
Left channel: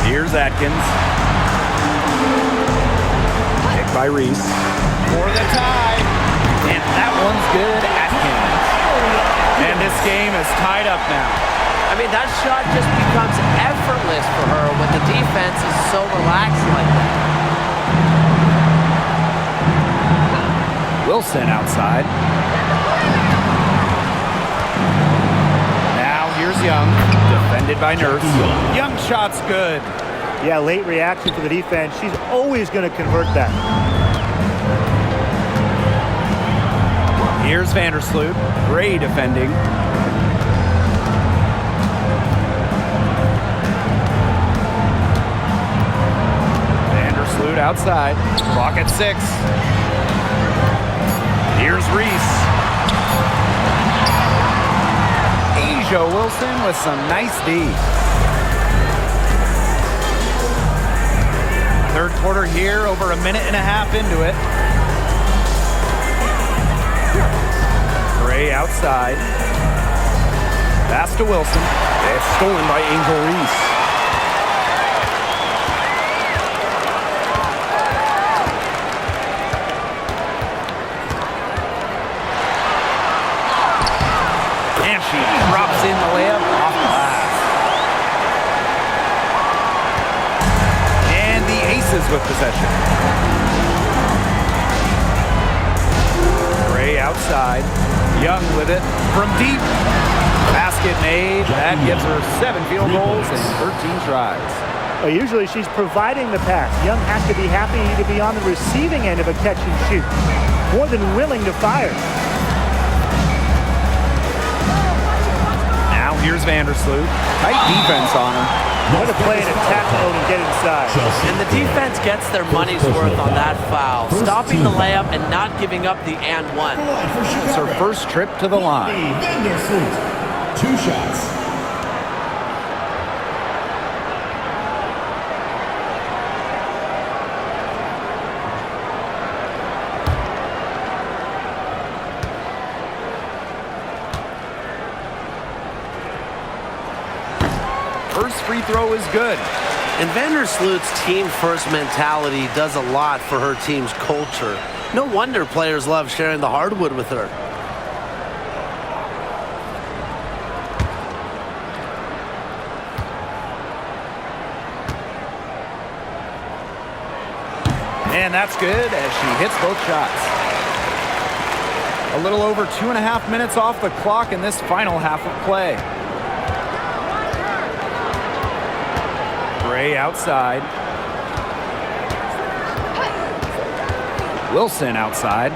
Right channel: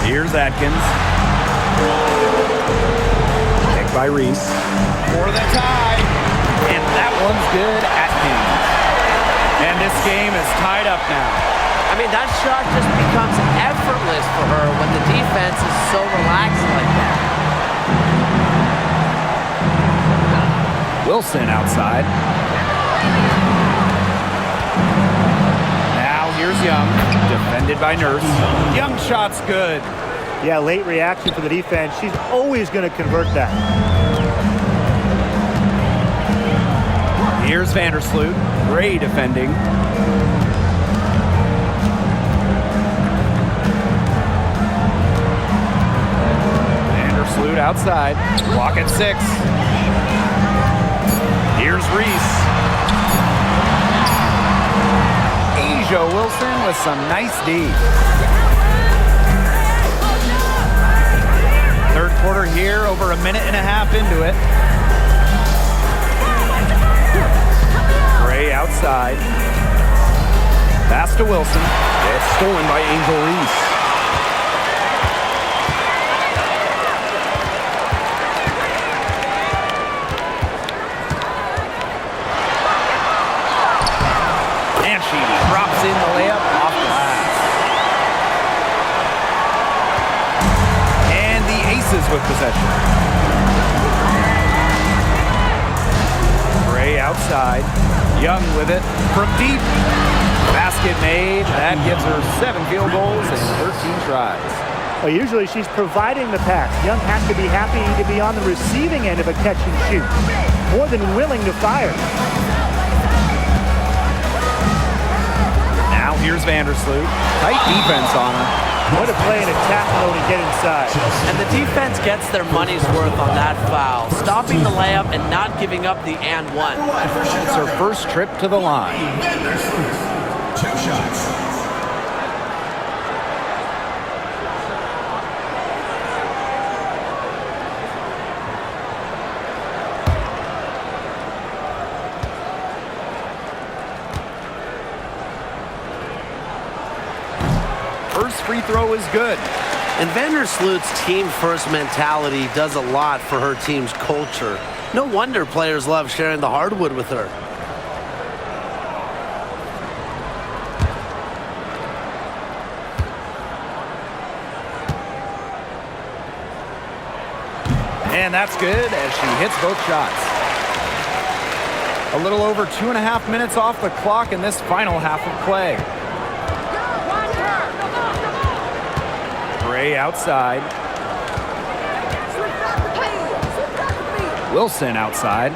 Here's Atkins. Picked by Reese. For the tie. And that one's good. Atkins. And this game is tied up now. That shot just becomes effortless for her when the defense is so relaxed like that. Wilson outside. Now here's Young. Defended by Nurse. Young shot's good. Yeah, late reaction for the defense. She's always going to convert that. Here's Vandersloot. Gray defending. Vandersloot outside. Clock at 6. Here's Reese. Asia Wilson with some nice D. Third quarter here, over a minute and a half into it. Gray outside. Pass to Wilson. It's stolen by Angel Reese. And she drops in the layup off glass. And the Aces with possession. Gray outside. Young with it from deep. Basket made. That gives her 7 field goals and 13 tries. Usually she's providing the pass. Young has to be happy to be on the receiving end of a catch and shoot. More than willing to fire. Now here's Vandersloot. Tight defense on her. Going to play in attack mode and get inside. And the defense gets their money's worth on that foul, stopping the layup and not giving up the and one. It's her first trip to the line. Vandersloot. 2 shots. First free throw is good. And Vandersloot's team-first mentality does a lot for her team's culture. No wonder players love sharing the hardwood with her. And that's good as she hits both shots. A little over 2.5 minutes off the clock in this final half of play. Gray outside. Wilson outside.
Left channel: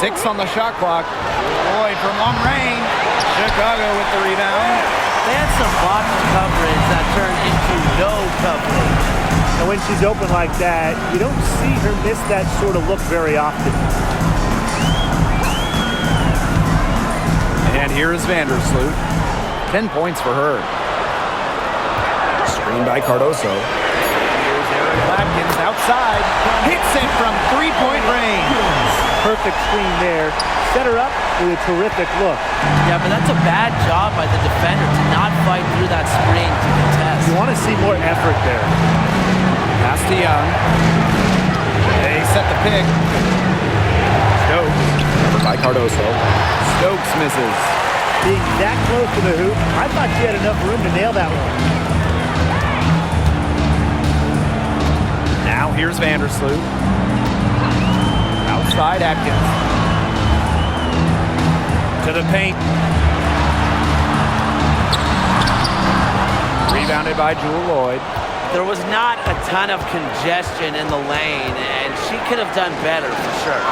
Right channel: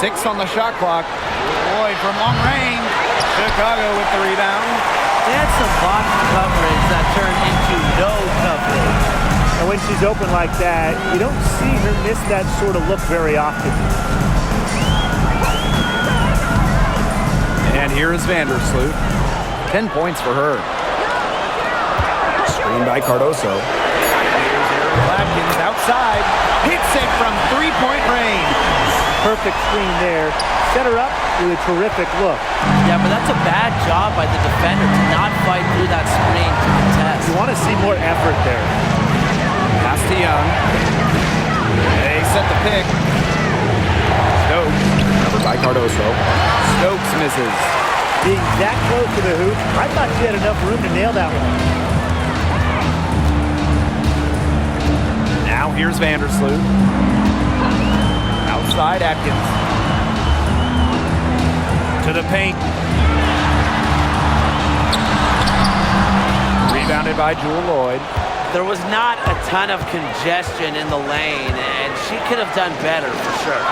6 on the shot clock. Lloyd from long range. Chicago with the rebound. They had some botched coverage that turned into no coverage. And when she's open like that, you don't see her miss that sort of look very often. And here is Vandersloot. 10 points for her. Screen by Cardoso. Here's Aaron Latkins outside. Hits it from 3-point range. Perfect screen there. Set her up with a terrific look. Yeah, but that's a bad job by the defender to not fight through that screen to contest. You want to see more effort there. Pass to Young. They set the pick. Stokes. Covered by Cardoso. Stokes misses. Being that close to the hoop, I thought she had enough room to nail that one. Now here's Vandersloot. Outside Atkins. To the paint. Rebounded by Jewel Lloyd. There was not a ton of congestion in the lane, and she could have done better for sure.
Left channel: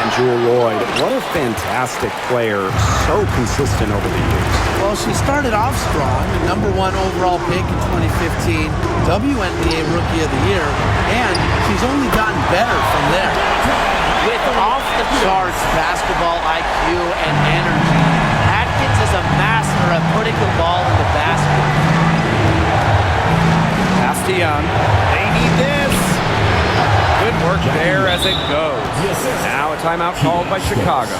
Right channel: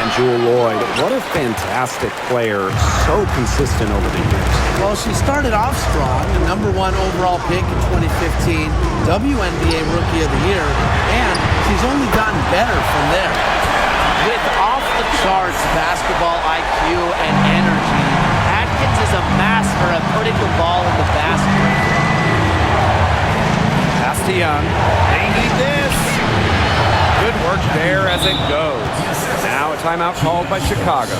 And Jewel Lloyd, what a fantastic player. So consistent over the years. Well, she started off strong, the #1 overall pick in 2015, WNBA Rookie of the Year, and she's only gotten better from there. With off-the-charts basketball IQ and energy, Atkins is a master at putting the ball in the basket. Pass to Young. They need this. Good work there as it goes. Now a timeout called by Chicago.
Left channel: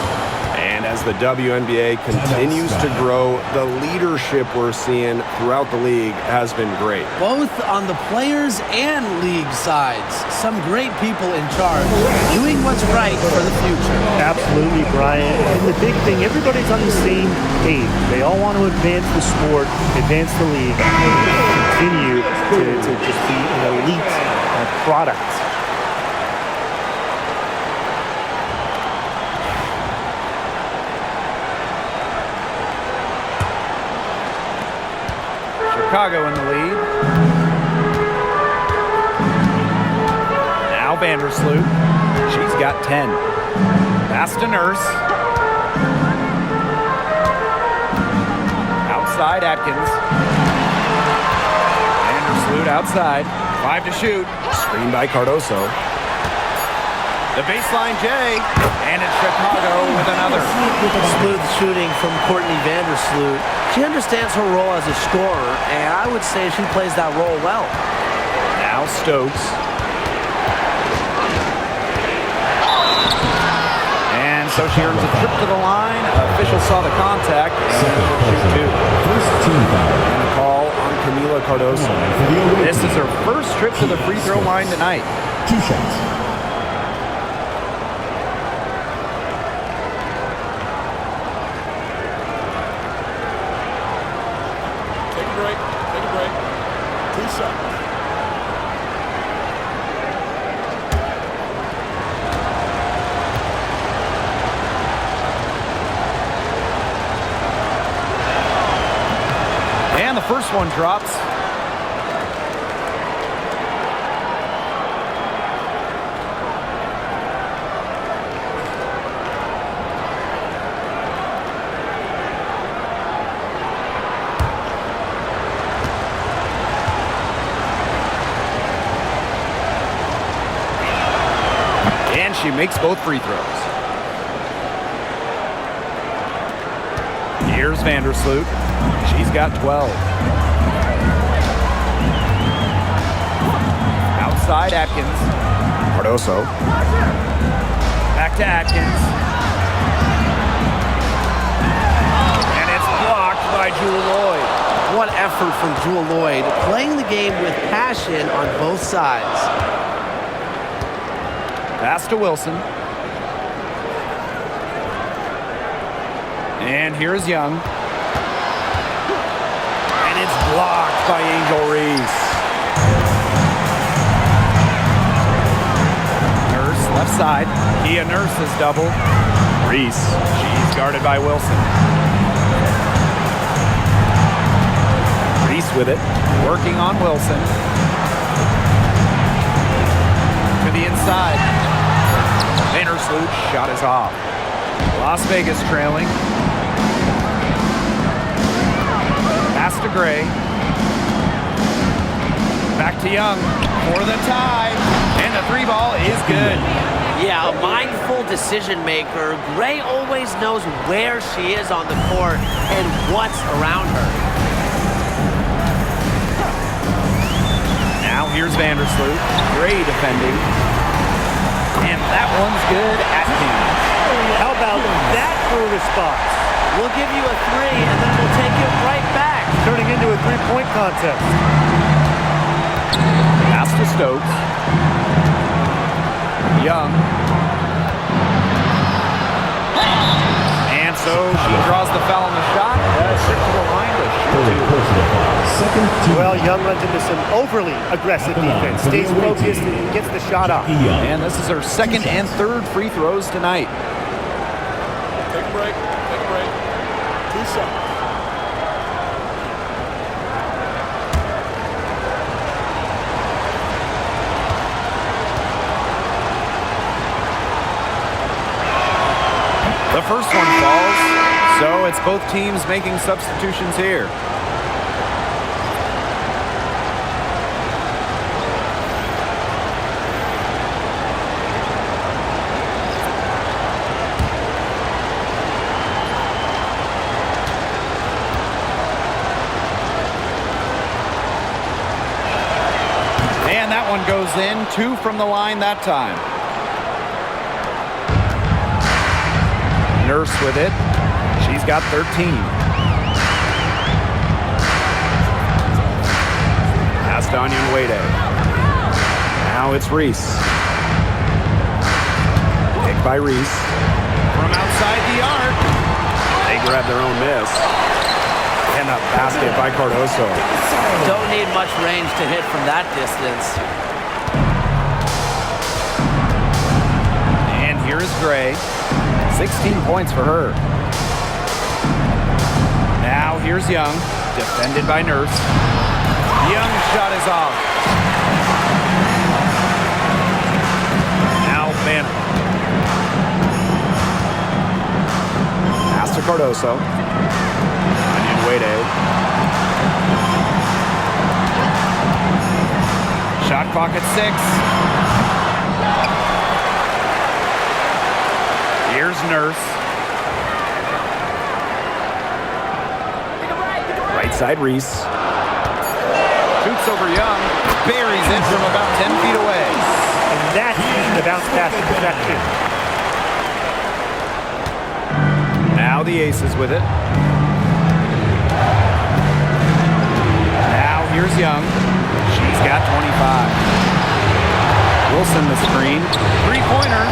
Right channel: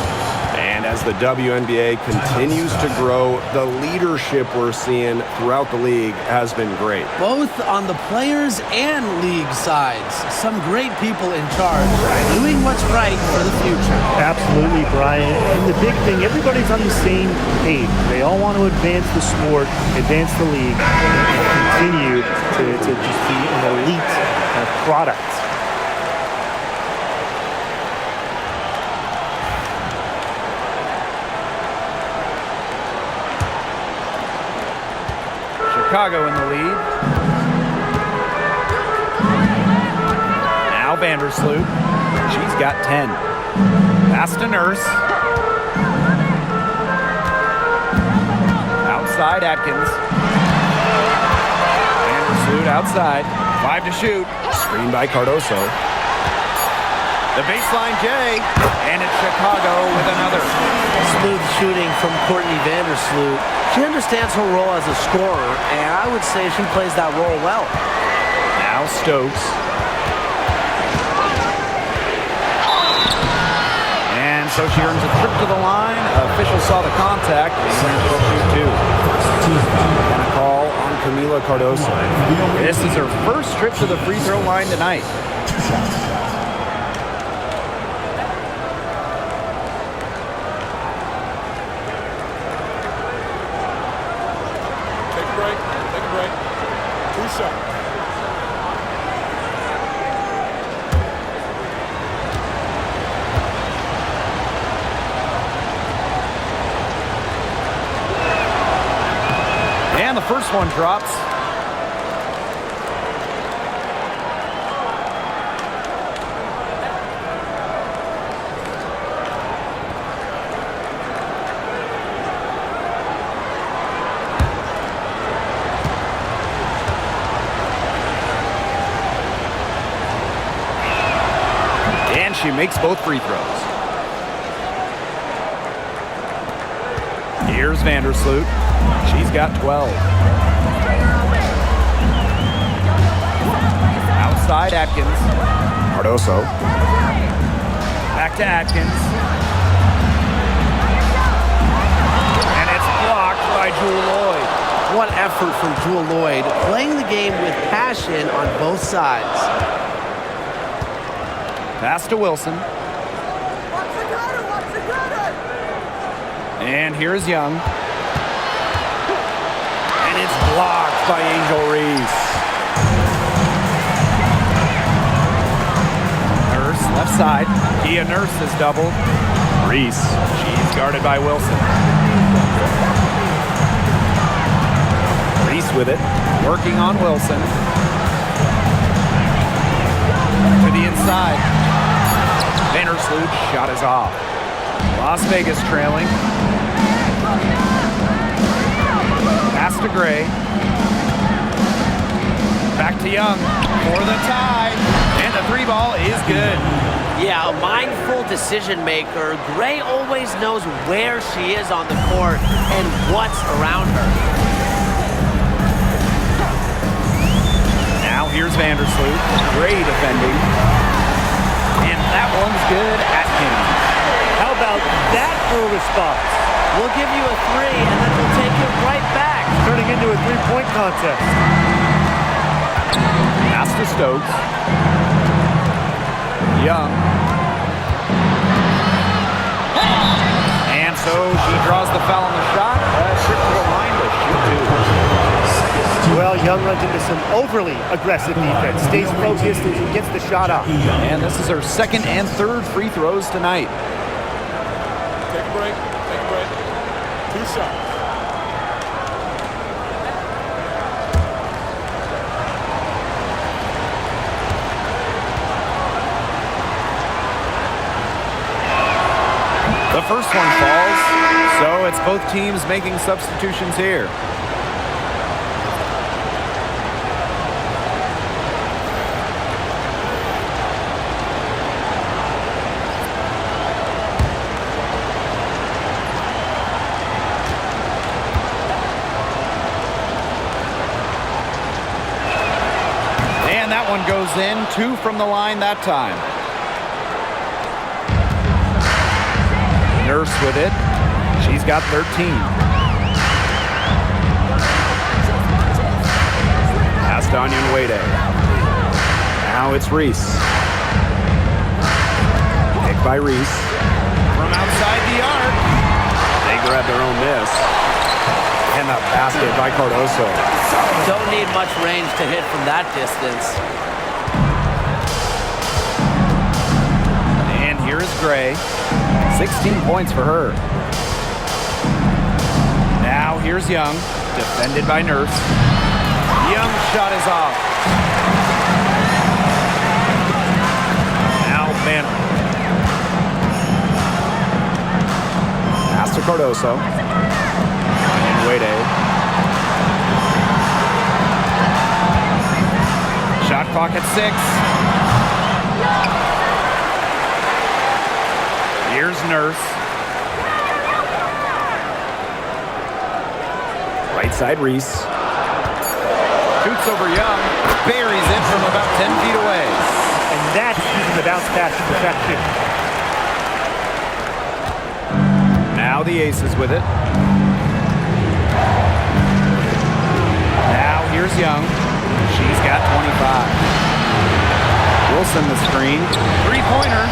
And as the WNBA continues to grow, the leadership we're seeing throughout the league has been great. Both on the players and league sides. Some great people in charge, doing what's right for the future. Absolutely, Brian. And the big thing, everybody's on the same page. They all want to advance the sport, advance the league, and continue to just be an elite product. Chicago in the lead. Now Vandersloot. She's got 10. Pass to Nurse. Outside Atkins. Vandersloot outside. 5 to shoot. Screen by Cardoso. The baseline J. And it's Chicago with another. Smooth shooting from Courtney Vandersloot. She understands her role as a scorer, and I would say she plays that role well. Now Stokes. And so she earns a trip to the line. Officials saw the contact, and she'll shoot 2. And a call on Camila Cardoso. This is her first trip to the free throw line tonight. 2 shots. Take a break. Take a break. 2 shots. And the first one drops. And she makes both free throws. Here's Vandersloot. She's got 12. Outside Atkins. Cardoso. Back to Atkins. And it's blocked by Jewel Lloyd. What effort from Jewel Lloyd, playing the game with passion on both sides. Pass to Wilson. And here's Young. And it's blocked by Angel Reese. Nurse, left side. Kia Nurse is doubled. Reese, she's guarded by Wilson. Reese with it, working on Wilson. To the inside. Vandersloot's shot is off. Las Vegas trailing. Pass to Gray. Back to Young for the tie. And the three ball is good. Yeah, a mindful decision maker. Gray always knows where she is on the court and what's around her. Now here's Vandersloot. Gray defending. And that one's good. Atkins. How about that for a response? We'll give you a three, and then we'll take it right back. Turning into a three-point contest. Pass to Stokes. Young. And so she draws the foul on the shot. Trip to the line to shoot two. Well, Young runs into some overly aggressive defense. Stays focused and gets the shot off. And this is her second and third free throws tonight. Take a break. Take a break. 2 shots. The first one falls, so it's both teams making substitutions here. And that one goes in, 2 from the line that time. Nurse with it. She's got 13. Pass to Onion Wade. Now it's Reese. Picked by Reese. From outside the arc. They grab their own miss. And the basket by Cardoso. Don't need much range to hit from that distance. And here is Gray. 16 points for her. Now here's Young, defended by Nurse. Young's shot is off. Now Banner. Pass to Cardoso. Onion Wade. Shot clock at 6. Here's Nurse. Right side Reese. Shoots over Young. Buries it from about 10 feet away. And that's using the bounce pass to perfection. Now the Aces with it. Now here's Young. She's got 25. Wilson the screen. Three-pointer.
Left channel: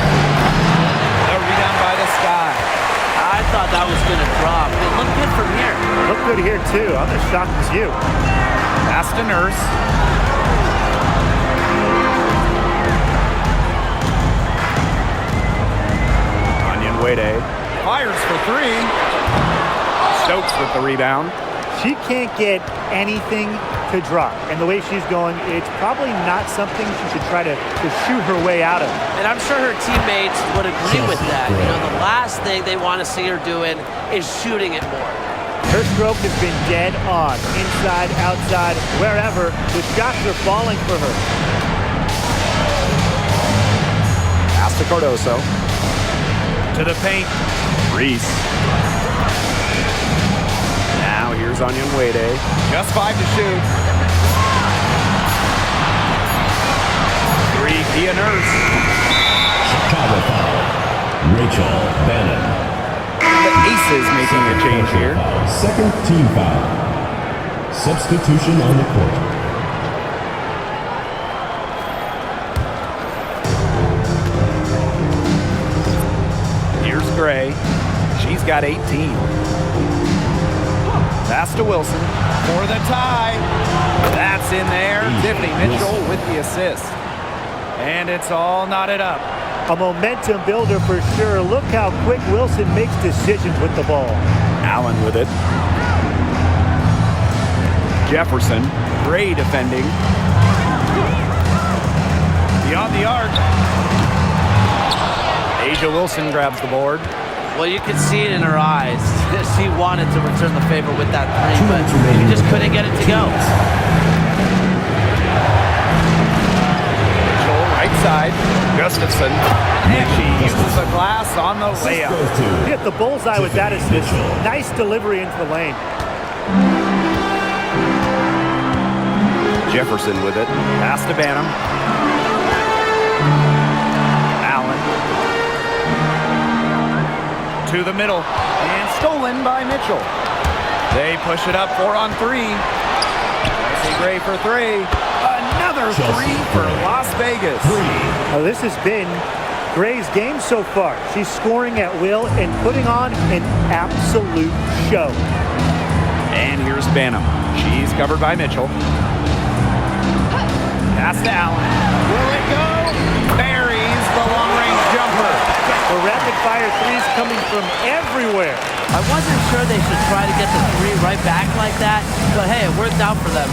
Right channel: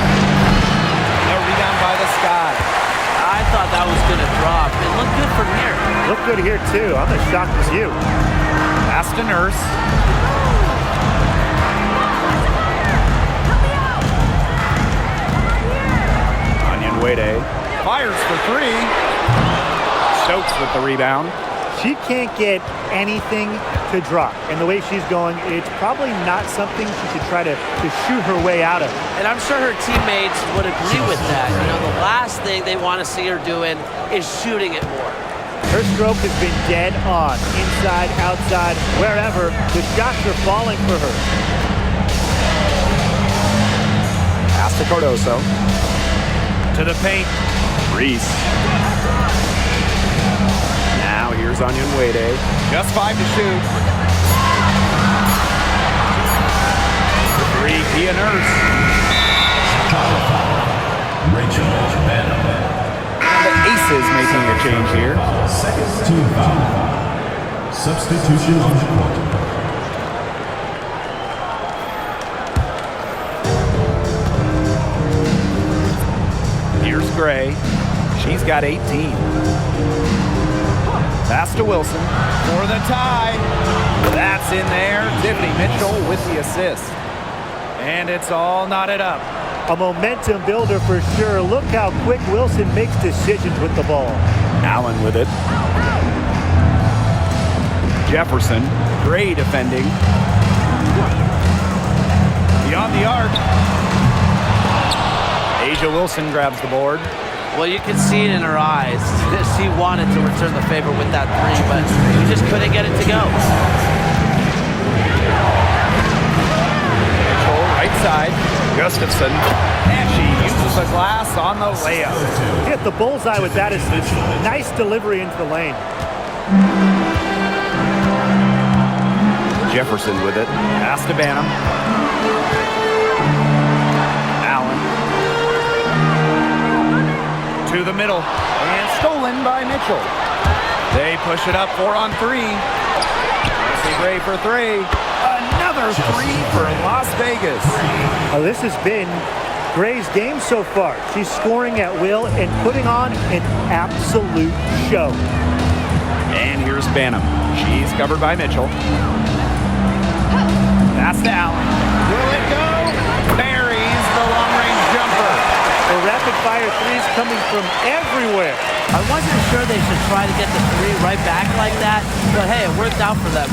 The rebound by the Sky. I thought that was going to drop. It looked good from here. Look good here, too. I'm as shocked as you. Pass to Nurse. Onion Wade fires for 3. Stokes with the rebound. She can't get anything to drop. And the way she's going, it's probably not something she should try to shoot her way out of. And I'm sure her teammates would agree with that. You know, the last thing they want to see her doing is shooting it more. Her stroke has been dead on. Inside, outside, wherever, the shots are falling for her. Pass Pass to Cardoso. To the paint. Reese. Now here's Onyenwede. Just 5 to shoot. Three, Kia Nurse. Chicago foul. Rachel Bannon. The Aces making a change here. Second team foul. Substitution on the court. Here's Gray. She's got 18. Pass to Wilson for the tie. That's in there. Tiffany Mitchell with the assist. And it's all knotted up. A momentum builder for sure. Look how quick Wilson makes decisions with the ball. Allen with it. Jefferson, Gray defending. Beyond the arc. Asia Wilson grabs the board. Well, you could see it in her eyes. She wanted to return the favor with that three, but she just couldn't get it to go. Mitchell, right side. Gustafson. And she uses the glass on the layup. Hit the bullseye with that assist. Nice delivery into the lane. Jefferson with it. Pass to Banham. Allen. To the middle. And stolen by Mitchell. They push it up 4 on 3. Chelsea Gray for 3. Another 3 for Las Vegas. This has been Gray's game so far. She's scoring at will and putting on an absolute show. And here's Banham. She's covered by Mitchell. Pass to Allen. Will it go? Buries the long-range jumper. The rapid-fire threes coming from everywhere. I wasn't sure they should try to get the three right back like that, but hey, it worked out for them.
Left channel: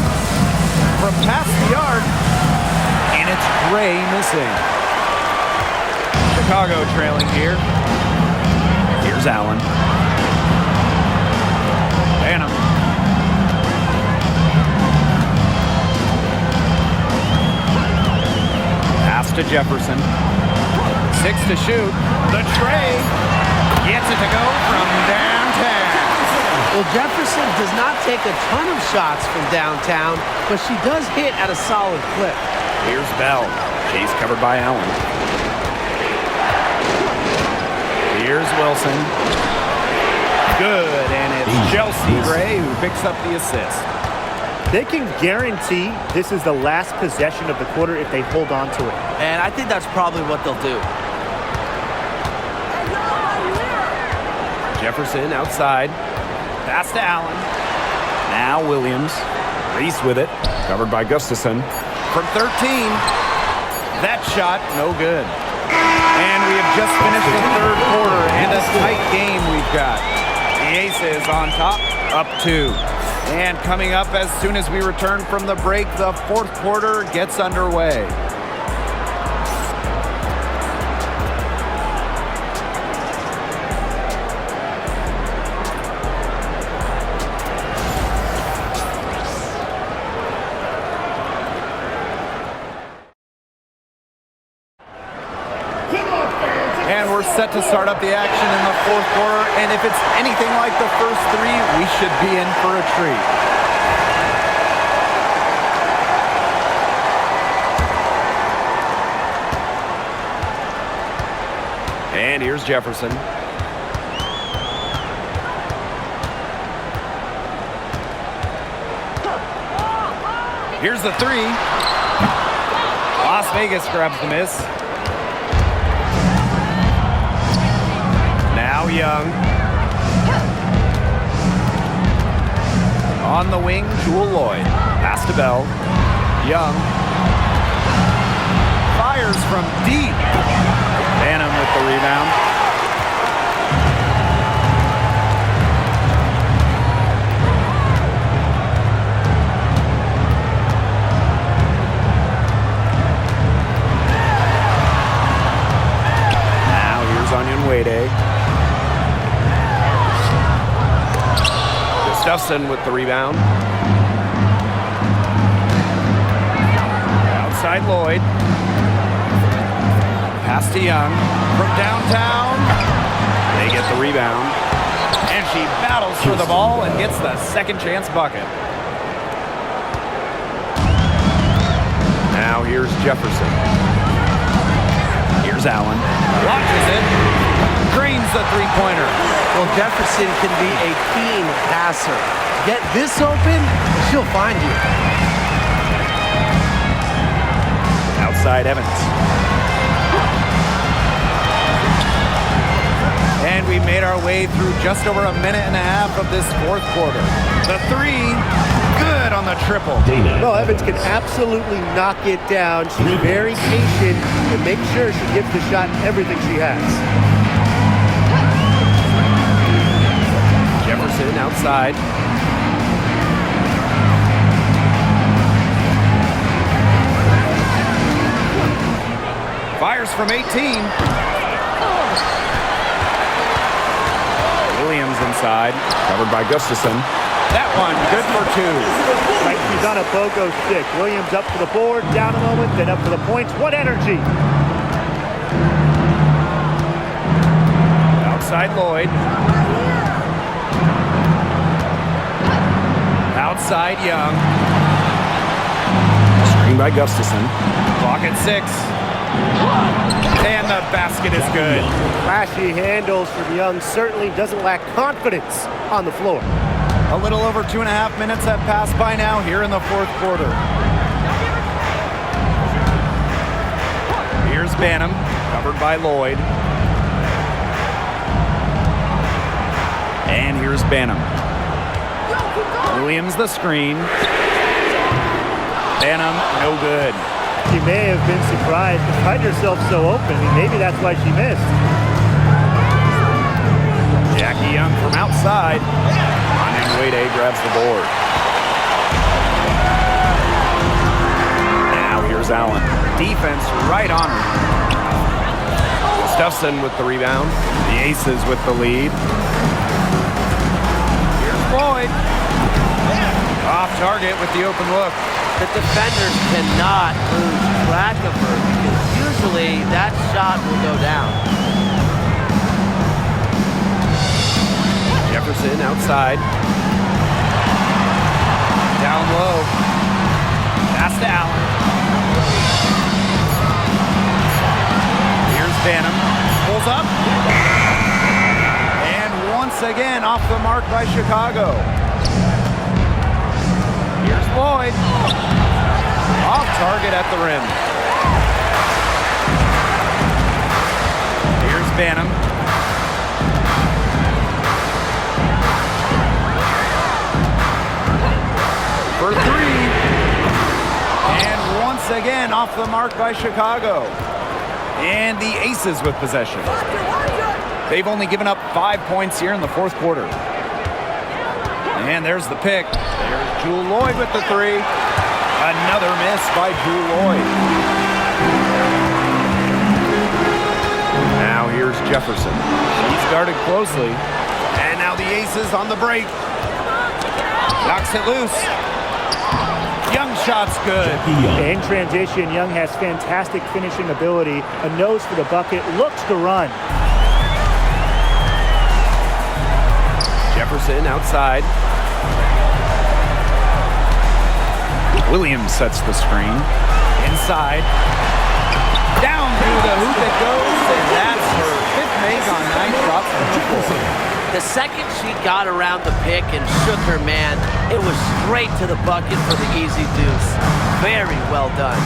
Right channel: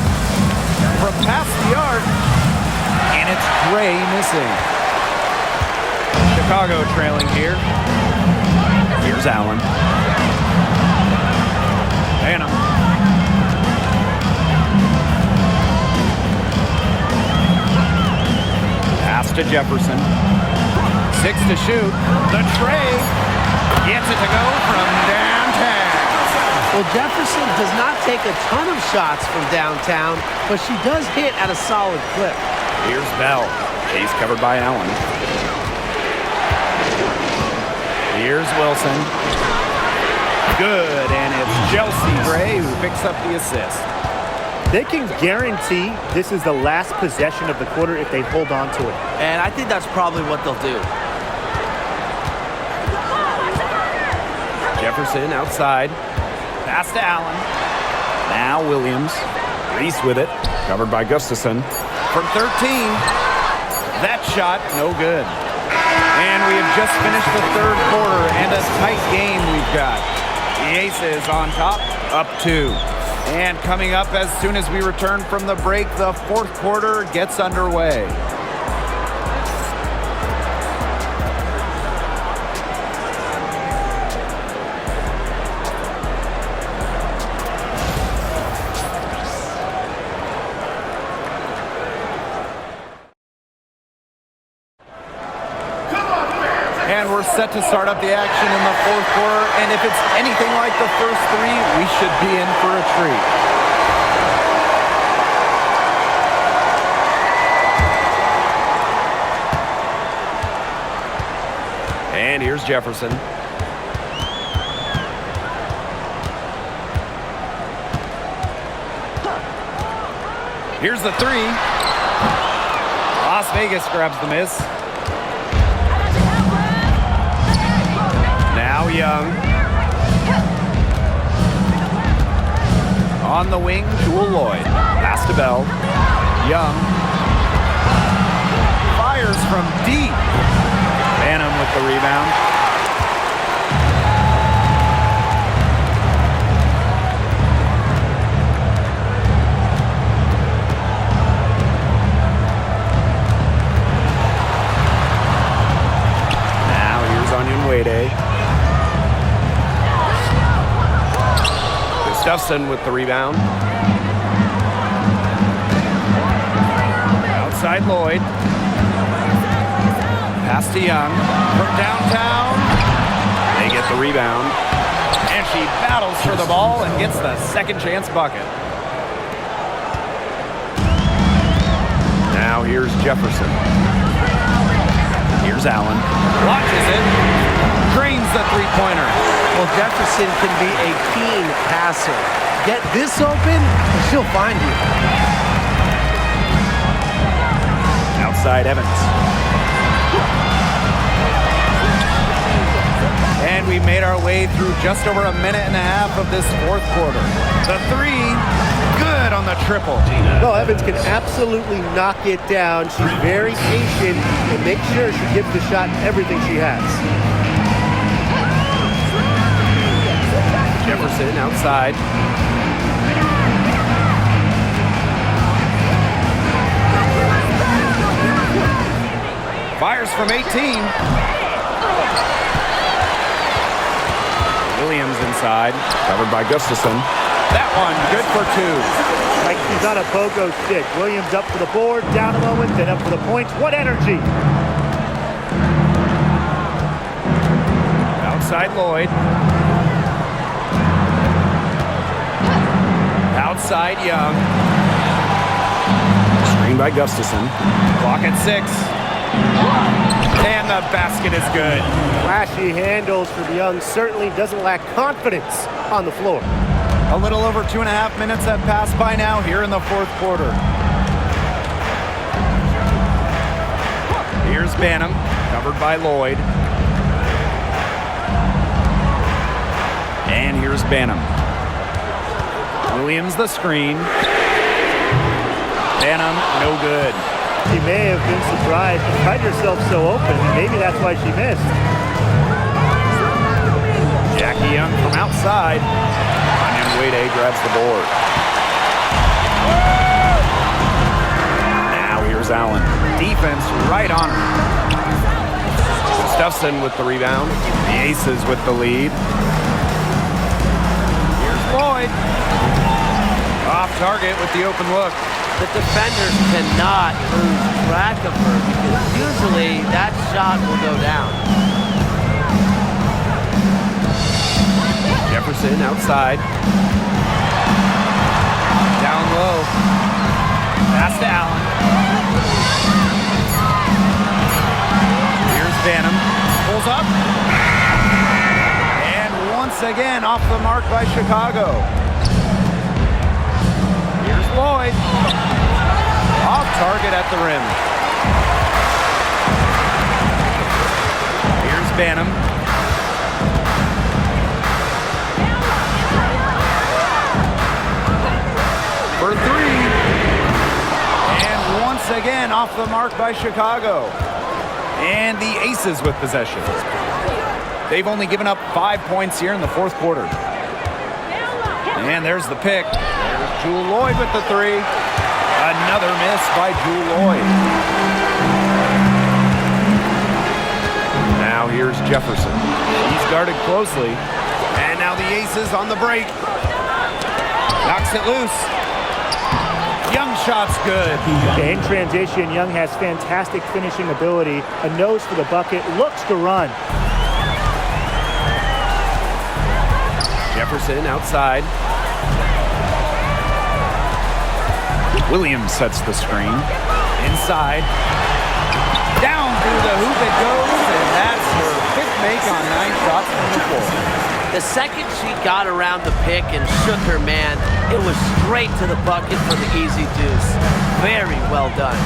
From past the arc, and it's Gray missing. Chicago trailing here. Here's Allen. Banham. Pass to Jefferson. 6 to shoot. The tray gets it to go from downtown. Well, Jefferson does not take a ton of shots from downtown, but she does hit at a solid clip. Here's Bell. She's covered by Allen. Here's Wilson. Good, and it's Chelsea Gray who picks up the assist. They can guarantee this is the last possession of the quarter if they hold on to it. And I think that's probably what they'll do. Jefferson outside. Pass to Allen. Now Williams. Reese with it. Covered by Gustafson. From 13. That shot, no good. And we have just finished the third quarter and a tight game we've got. The Aces on top, up 2. And coming up as soon as we return from the break, the fourth quarter gets underway. And we're set to start up the action in the fourth quarter. And if it's anything like the first 3, we should be in for a treat. And here's Jefferson. Here's the 3. Las Vegas grabs the miss. Now Young. On the wing, Jewel Lloyd. Pass to Bell. Young. Fires from deep. Banham with the rebound. Now here's Onyenwede. Gustafson with the rebound. Outside Lloyd. Pass to Young. From downtown. They get the rebound. And she battles for the ball and gets the second chance bucket. Now here's Jefferson. Here's Allen. Launches it. Drains the three-pointer. Well, Jefferson can be a keen passer. Get this open, and she'll find you. Outside Evans. And we made our way through just over a minute and a half of this fourth quarter. The three, good on the triple. Well, Evans can absolutely knock it down. She's very patient and makes sure she gives the shot everything she has. Jefferson outside. Fires from 18. Williams inside. Covered by Gustafson. That one, good for two. Like she's on a pogo stick. Williams up for the board, down a moment, then up for the points. What energy! Outside Lloyd. Outside Young. Screen by Gustafson. Clock at 6. And the basket is good. Flashy handles from Young, certainly doesn't lack confidence on the floor. A little over 2.5 minutes have passed by now here in the fourth quarter. Here's Banham, covered by Lloyd. And here's Banham. Williams the screen. Banham, no good. She may have been surprised to find herself so open. Maybe that's why she missed. Jackie Young from outside. And Wade grabs the board. Now here's Allen. Defense right on her. Gustafson with the rebound. The Aces with the lead. Here's Lloyd. Off target with the open look. The defenders cannot lose track of her because usually that shot will go down. Jefferson outside. Down low. Pass to Allen. Here's Banham. Pulls up. And once again off the mark by Chicago. Here's Lloyd. Off target at the rim. Here's Banham. For three. And once again off the mark by Chicago. And the Aces with possession. They've only given up 5 points here in the fourth quarter. And there's the pick. There's Jewel Lloyd with the three. Another miss by Jewel Lloyd. Now here's Jefferson. She's guarded closely. And now the Aces on the break. Knocks it loose. Young shot's good. In transition, Young has fantastic finishing ability. A nose for the bucket. Looks to run. Jefferson outside. Williams sets the screen. Inside. Down through the hoop it goes, and that's her 5th make on 9 shots from the floor. The second she got around the pick and shook her man, it was straight to the bucket for the easy deuce. Very well done.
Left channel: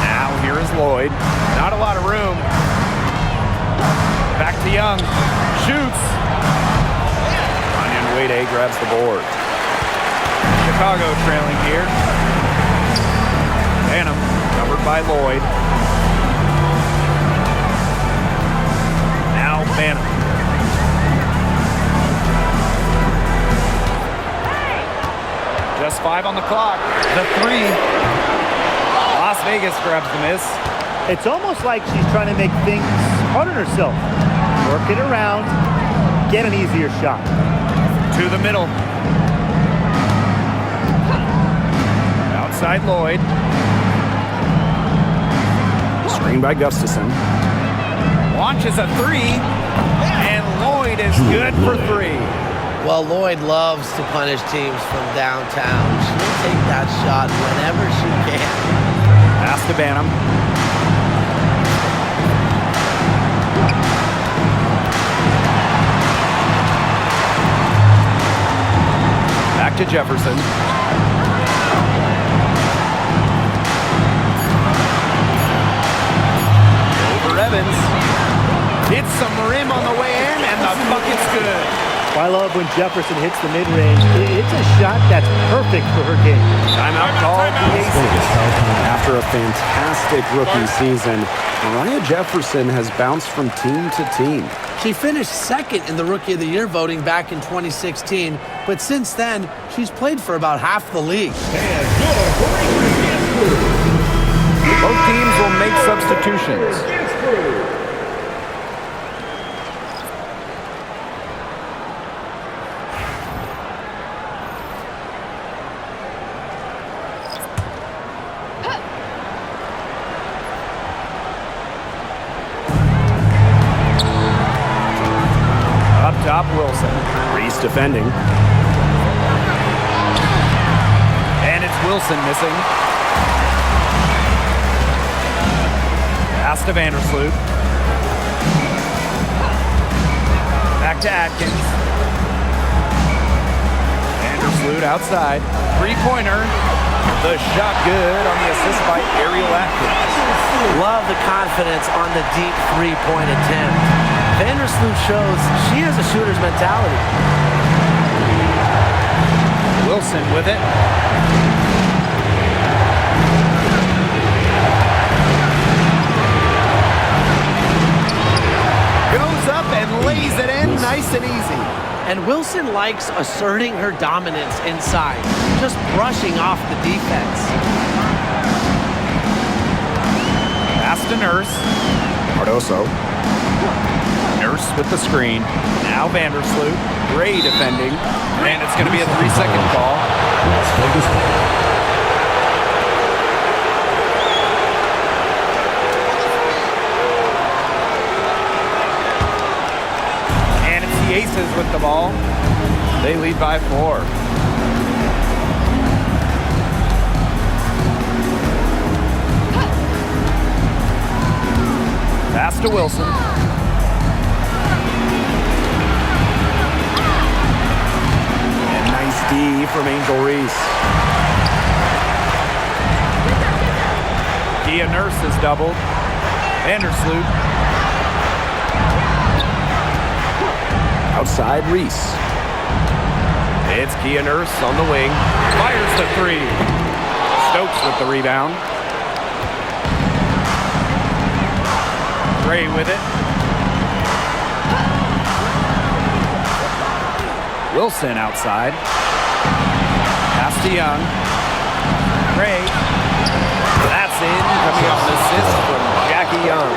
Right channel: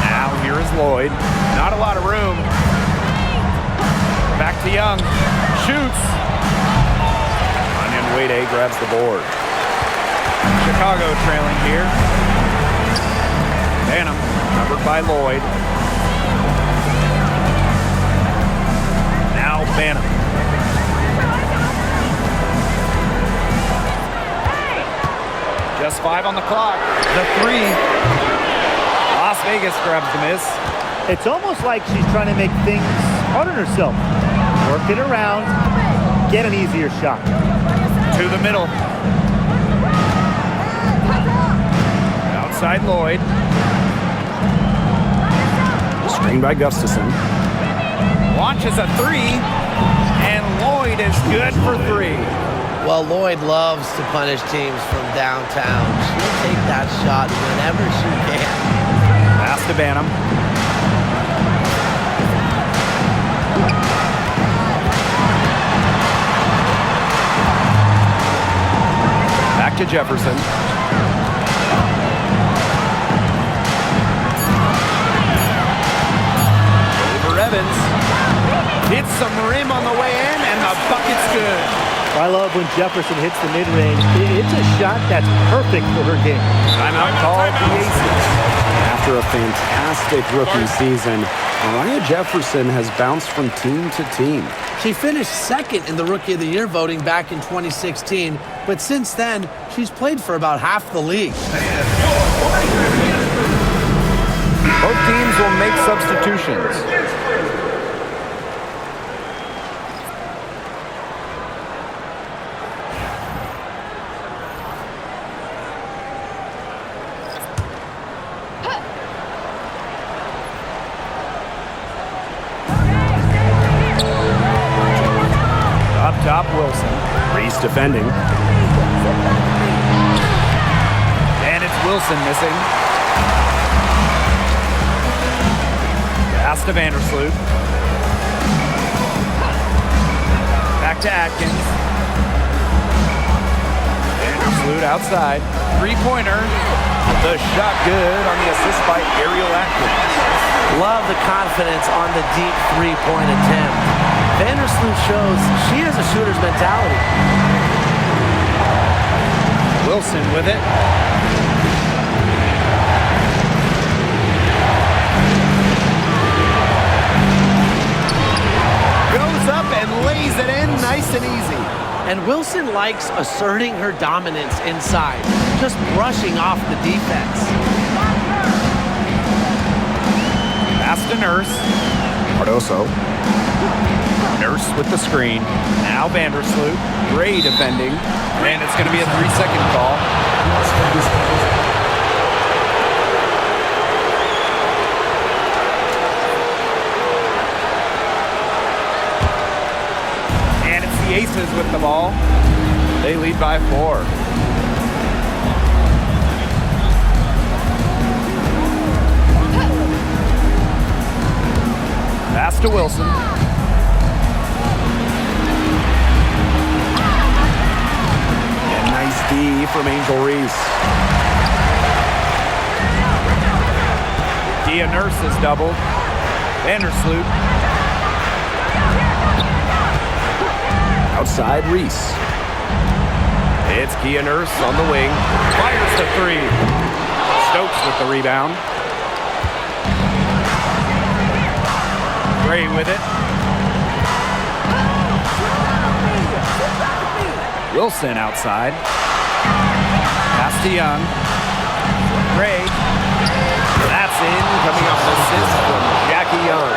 Now here is Lloyd. Not a lot of room. Back to Young. Shoots. Onion Wade grabs the board. Chicago trailing here. Banham, covered by Lloyd. Now Banham. Just 5 on the clock. The three. Las Vegas grabs the miss. It's almost like she's trying to make things hard on herself. Work it around, get an easier shot. To the middle. Outside Lloyd. Screen by Gustafson. Launches a three, and Lloyd is good for three. Well, Lloyd loves to punish teams from downtown. She'll take that shot whenever she can. Pass to Banham. Back to Jefferson. Over Evans. Hits some rim on the way in, and the bucket's good. I love when Jefferson hits the mid-range. It's a shot that's perfect for her game. Timeout called the Aces. After a fantastic rookie season, Mariah Jefferson has bounced from team to team. She finished second in the Rookie of the Year voting back in 2016, but since then, she's played for about half the league. Both teams will make substitutions. Up top, Wilson. Reese defending. And it's Wilson missing. Pass to Vandersloot. Back to Atkins. Vandersloot outside. Three-pointer. The shot good on the assist by Ariel Atkins. Love the confidence on the deep three-point attempt. Vandersloot shows she has a shooter's mentality. Wilson with it. Goes up and lays it in nice and easy. And Wilson likes asserting her dominance inside, just brushing off the defense. Pass to Nurse. Cardoso. Nurse with the screen. Now Vandersloot. Gray defending. And it's going to be a 3-second call. And it's the Aces with the ball. They lead by 4. Pass to Wilson. And nice D from Angel Reese. Kia Nurse is doubled. Vandersloot. Outside Reese. It's Kia Nurse on the wing. Fires the three. Stokes with the rebound. Gray with it. Wilson outside. Pass to Young. Gray. That's in. Coming off an assist from Jackie Young.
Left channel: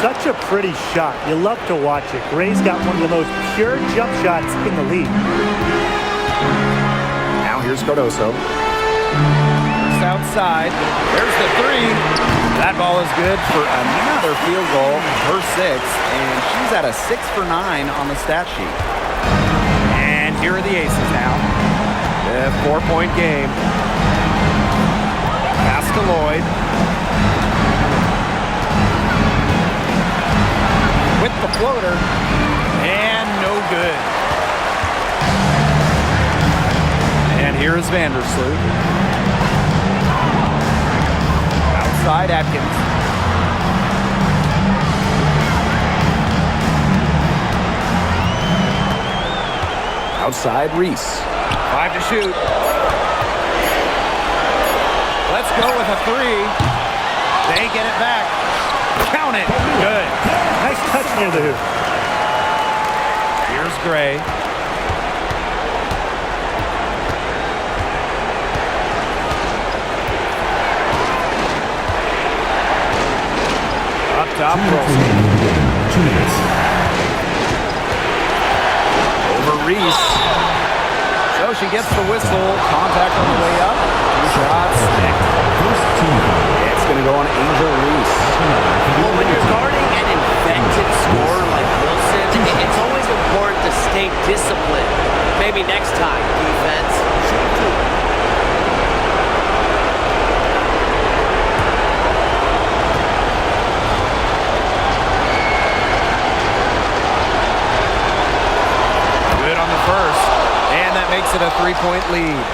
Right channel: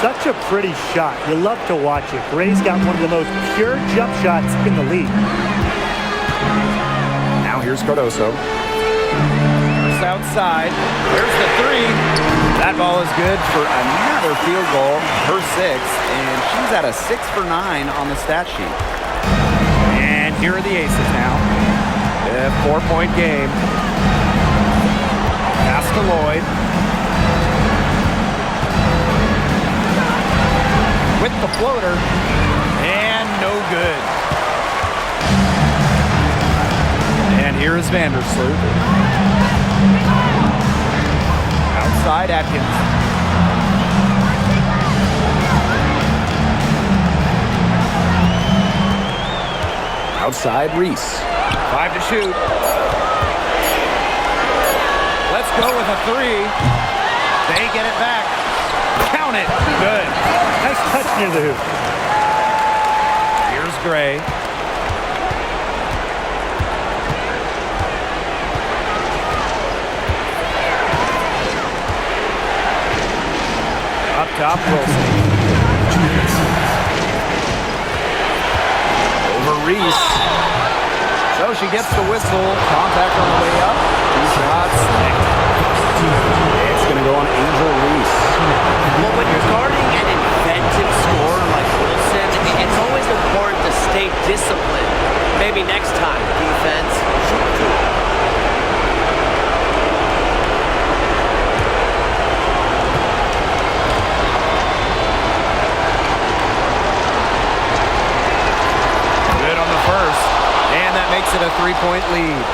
Such a pretty shot. You love to watch it. Gray's got one of the most pure jump shots in the league. Now here's Cardoso. Nurse outside. There's the three. That ball is good for another field goal, her 6th, and she's at a 6 for 9 on the stat sheet. And here are the Aces now. A 4-point game. Pass to Lloyd. With the floater, and no good. And here is Vandersloot. Outside Atkins. Outside Reese. 5 to shoot. Let's go with a 3. They get it back. Count it. Good. Nice touch near the hoop. Here's Gray. Up top, Wilson. Over Reese. So she gets the whistle. Contact on the way up. 2 shots. It's going to go on Angel Reese. Well, when you're guarding an inventive scorer like Wilson, it's always important to stay disciplined. Maybe next time, defense. Shoot 2. Good on the first, and that makes it a 3-point lead.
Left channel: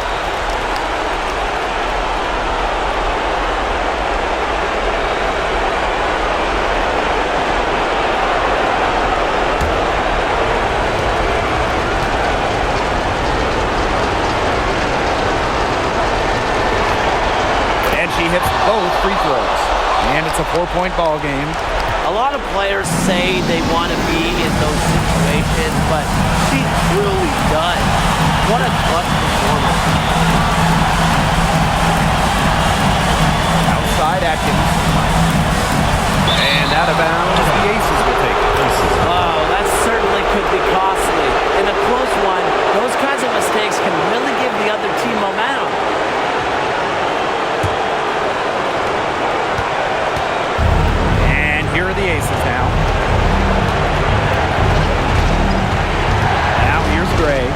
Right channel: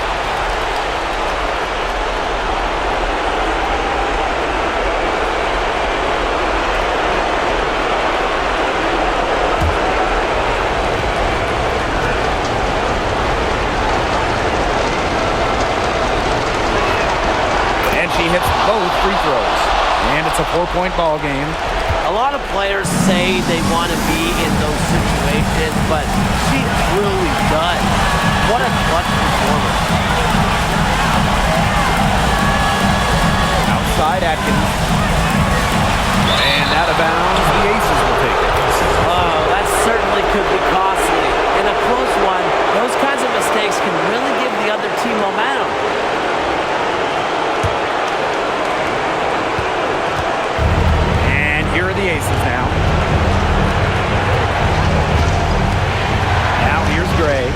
And she hits both free throws, and it's a 4-point ball game. A lot of players say they want to be in those situations, but she really does. What a clutch performer. Outside Atkins. And out of bounds, the Aces will take it. Oh, that certainly could be costly. In a close one, those kinds of mistakes can really give the other team momentum. Here are the Aces now. Now here's Gray.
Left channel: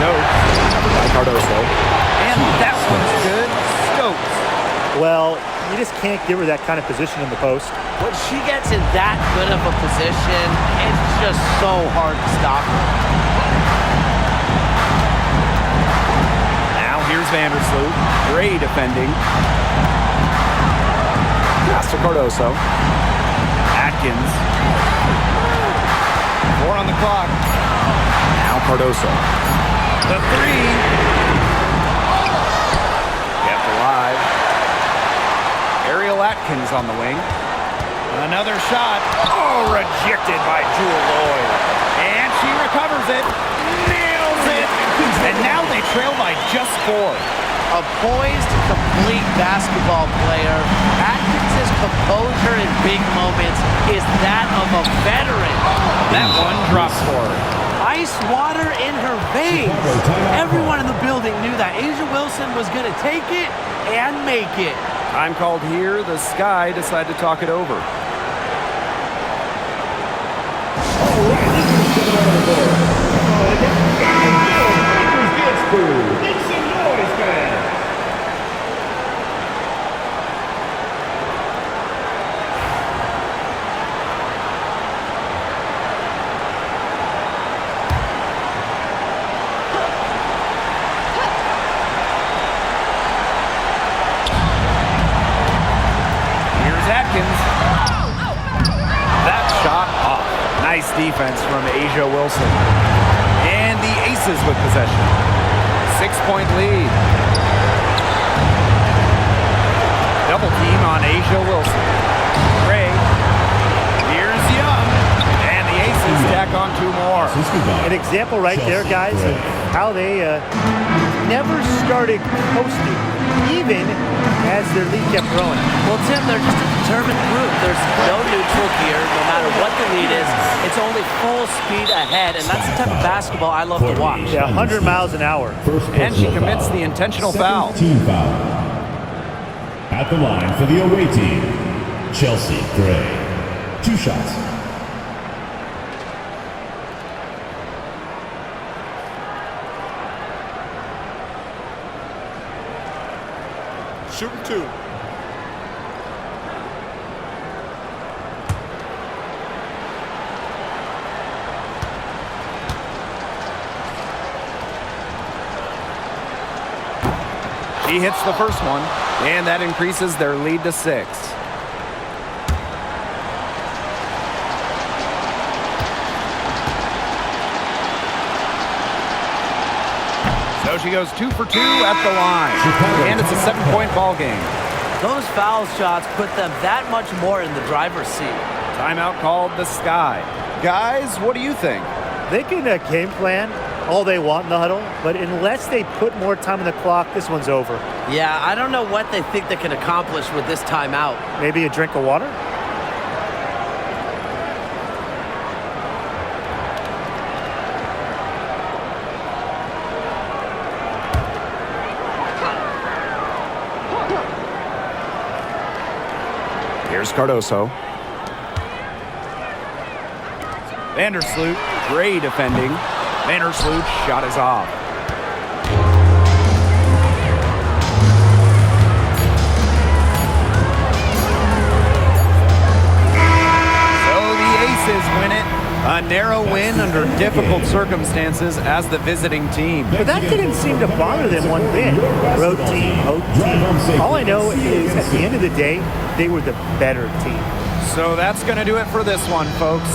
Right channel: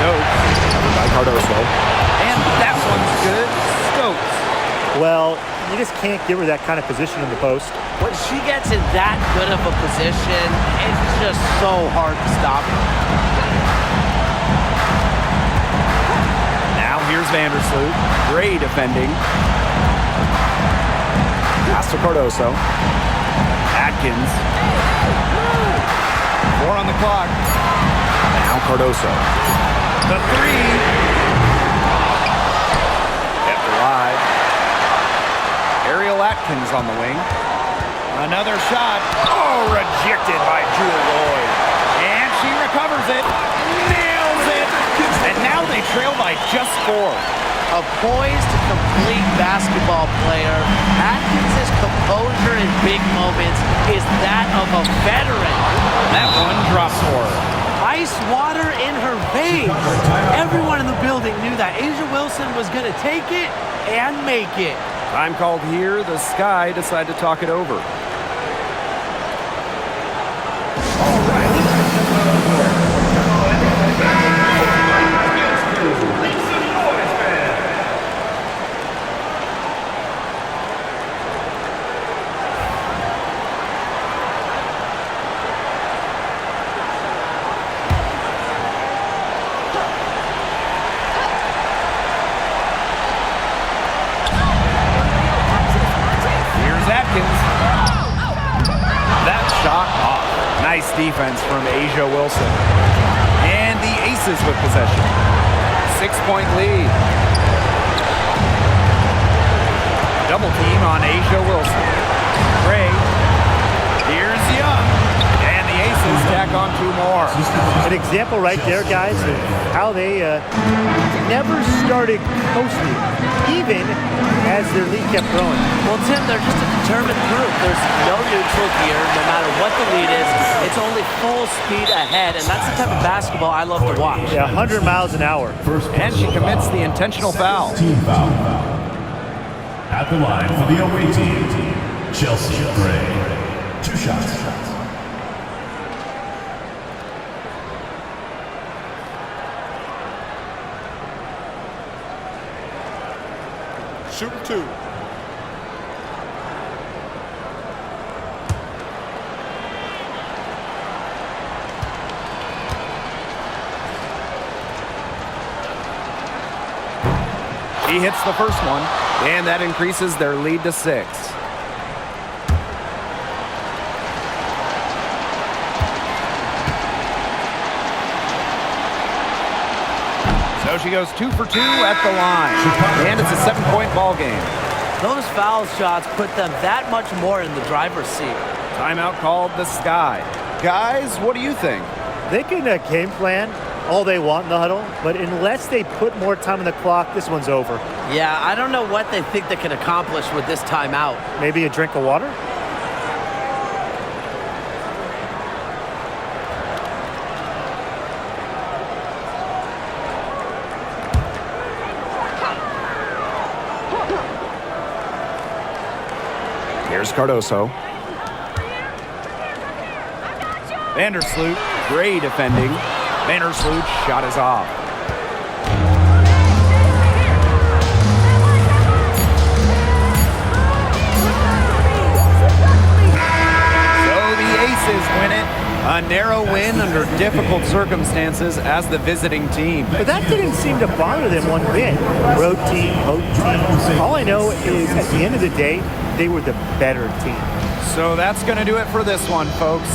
Stokes. Covered by Cardoso. And that one's good. Stokes. Well, you just can't give her that kind of position in the post. When she gets in that good of a position, it's just so hard to stop her. Now here's Vandersloot. Gray defending. Pass to Cardoso. Atkins. 4 on the clock. Now Cardoso. The 3. Kept alive. Ariel Atkins on the wing. Another shot. Oh, rejected by Jewel Lloyd. And she recovers it. Nails it. And now they trail by just 4. A poised, complete basketball player. Atkins' composure in big moments is that of a veteran. That one drops for her. Ice water in her veins. Everyone in the building knew that Asia Wilson was going to take it and make it. Time called here. The Sky decide to talk it over. All right, let's continue on the board. Lakers dance crew. Make some noise, fans. Atkins. That shot off. Nice defense from Asia Wilson. And the Aces with possession. 6-point lead. Double team on Asia Wilson. Gray. Here's Young. And the Aces tack on 2 more. An example right there, guys, of how they never started coasting, even as their lead kept growing. Well, Tim, they're just a determined group. There's no neutral here. No matter what the lead is, it's only full speed ahead, and that's the type of basketball I love to watch. Yeah, 100 miles an hour. And she commits the intentional foul. Team foul. At the line for the away team, Chelsea Gray. 2 shots. Shooting 2. She hits the first one, and that increases their lead to 6. So she goes 2 for 2 at the line, and it's a 7-point ball game. Those foul shots put them that much more in the driver's seat. Timeout called the Sky. Guys, what do you think? They can game plan all they want in the huddle, but unless they put more time on the clock, this one's over. Yeah, I don't know what they think they can accomplish with this timeout. Maybe a drink of water? Here's Cardoso. Vandersloot, great defending. Vandersloot shot is off. So the Aces win it. A narrow win under difficult circumstances as the visiting team. But that didn't seem to bother them one bit. Road team, home team. All I know is at the end of the day, they were the better team. So that's going to do it for this one, folks.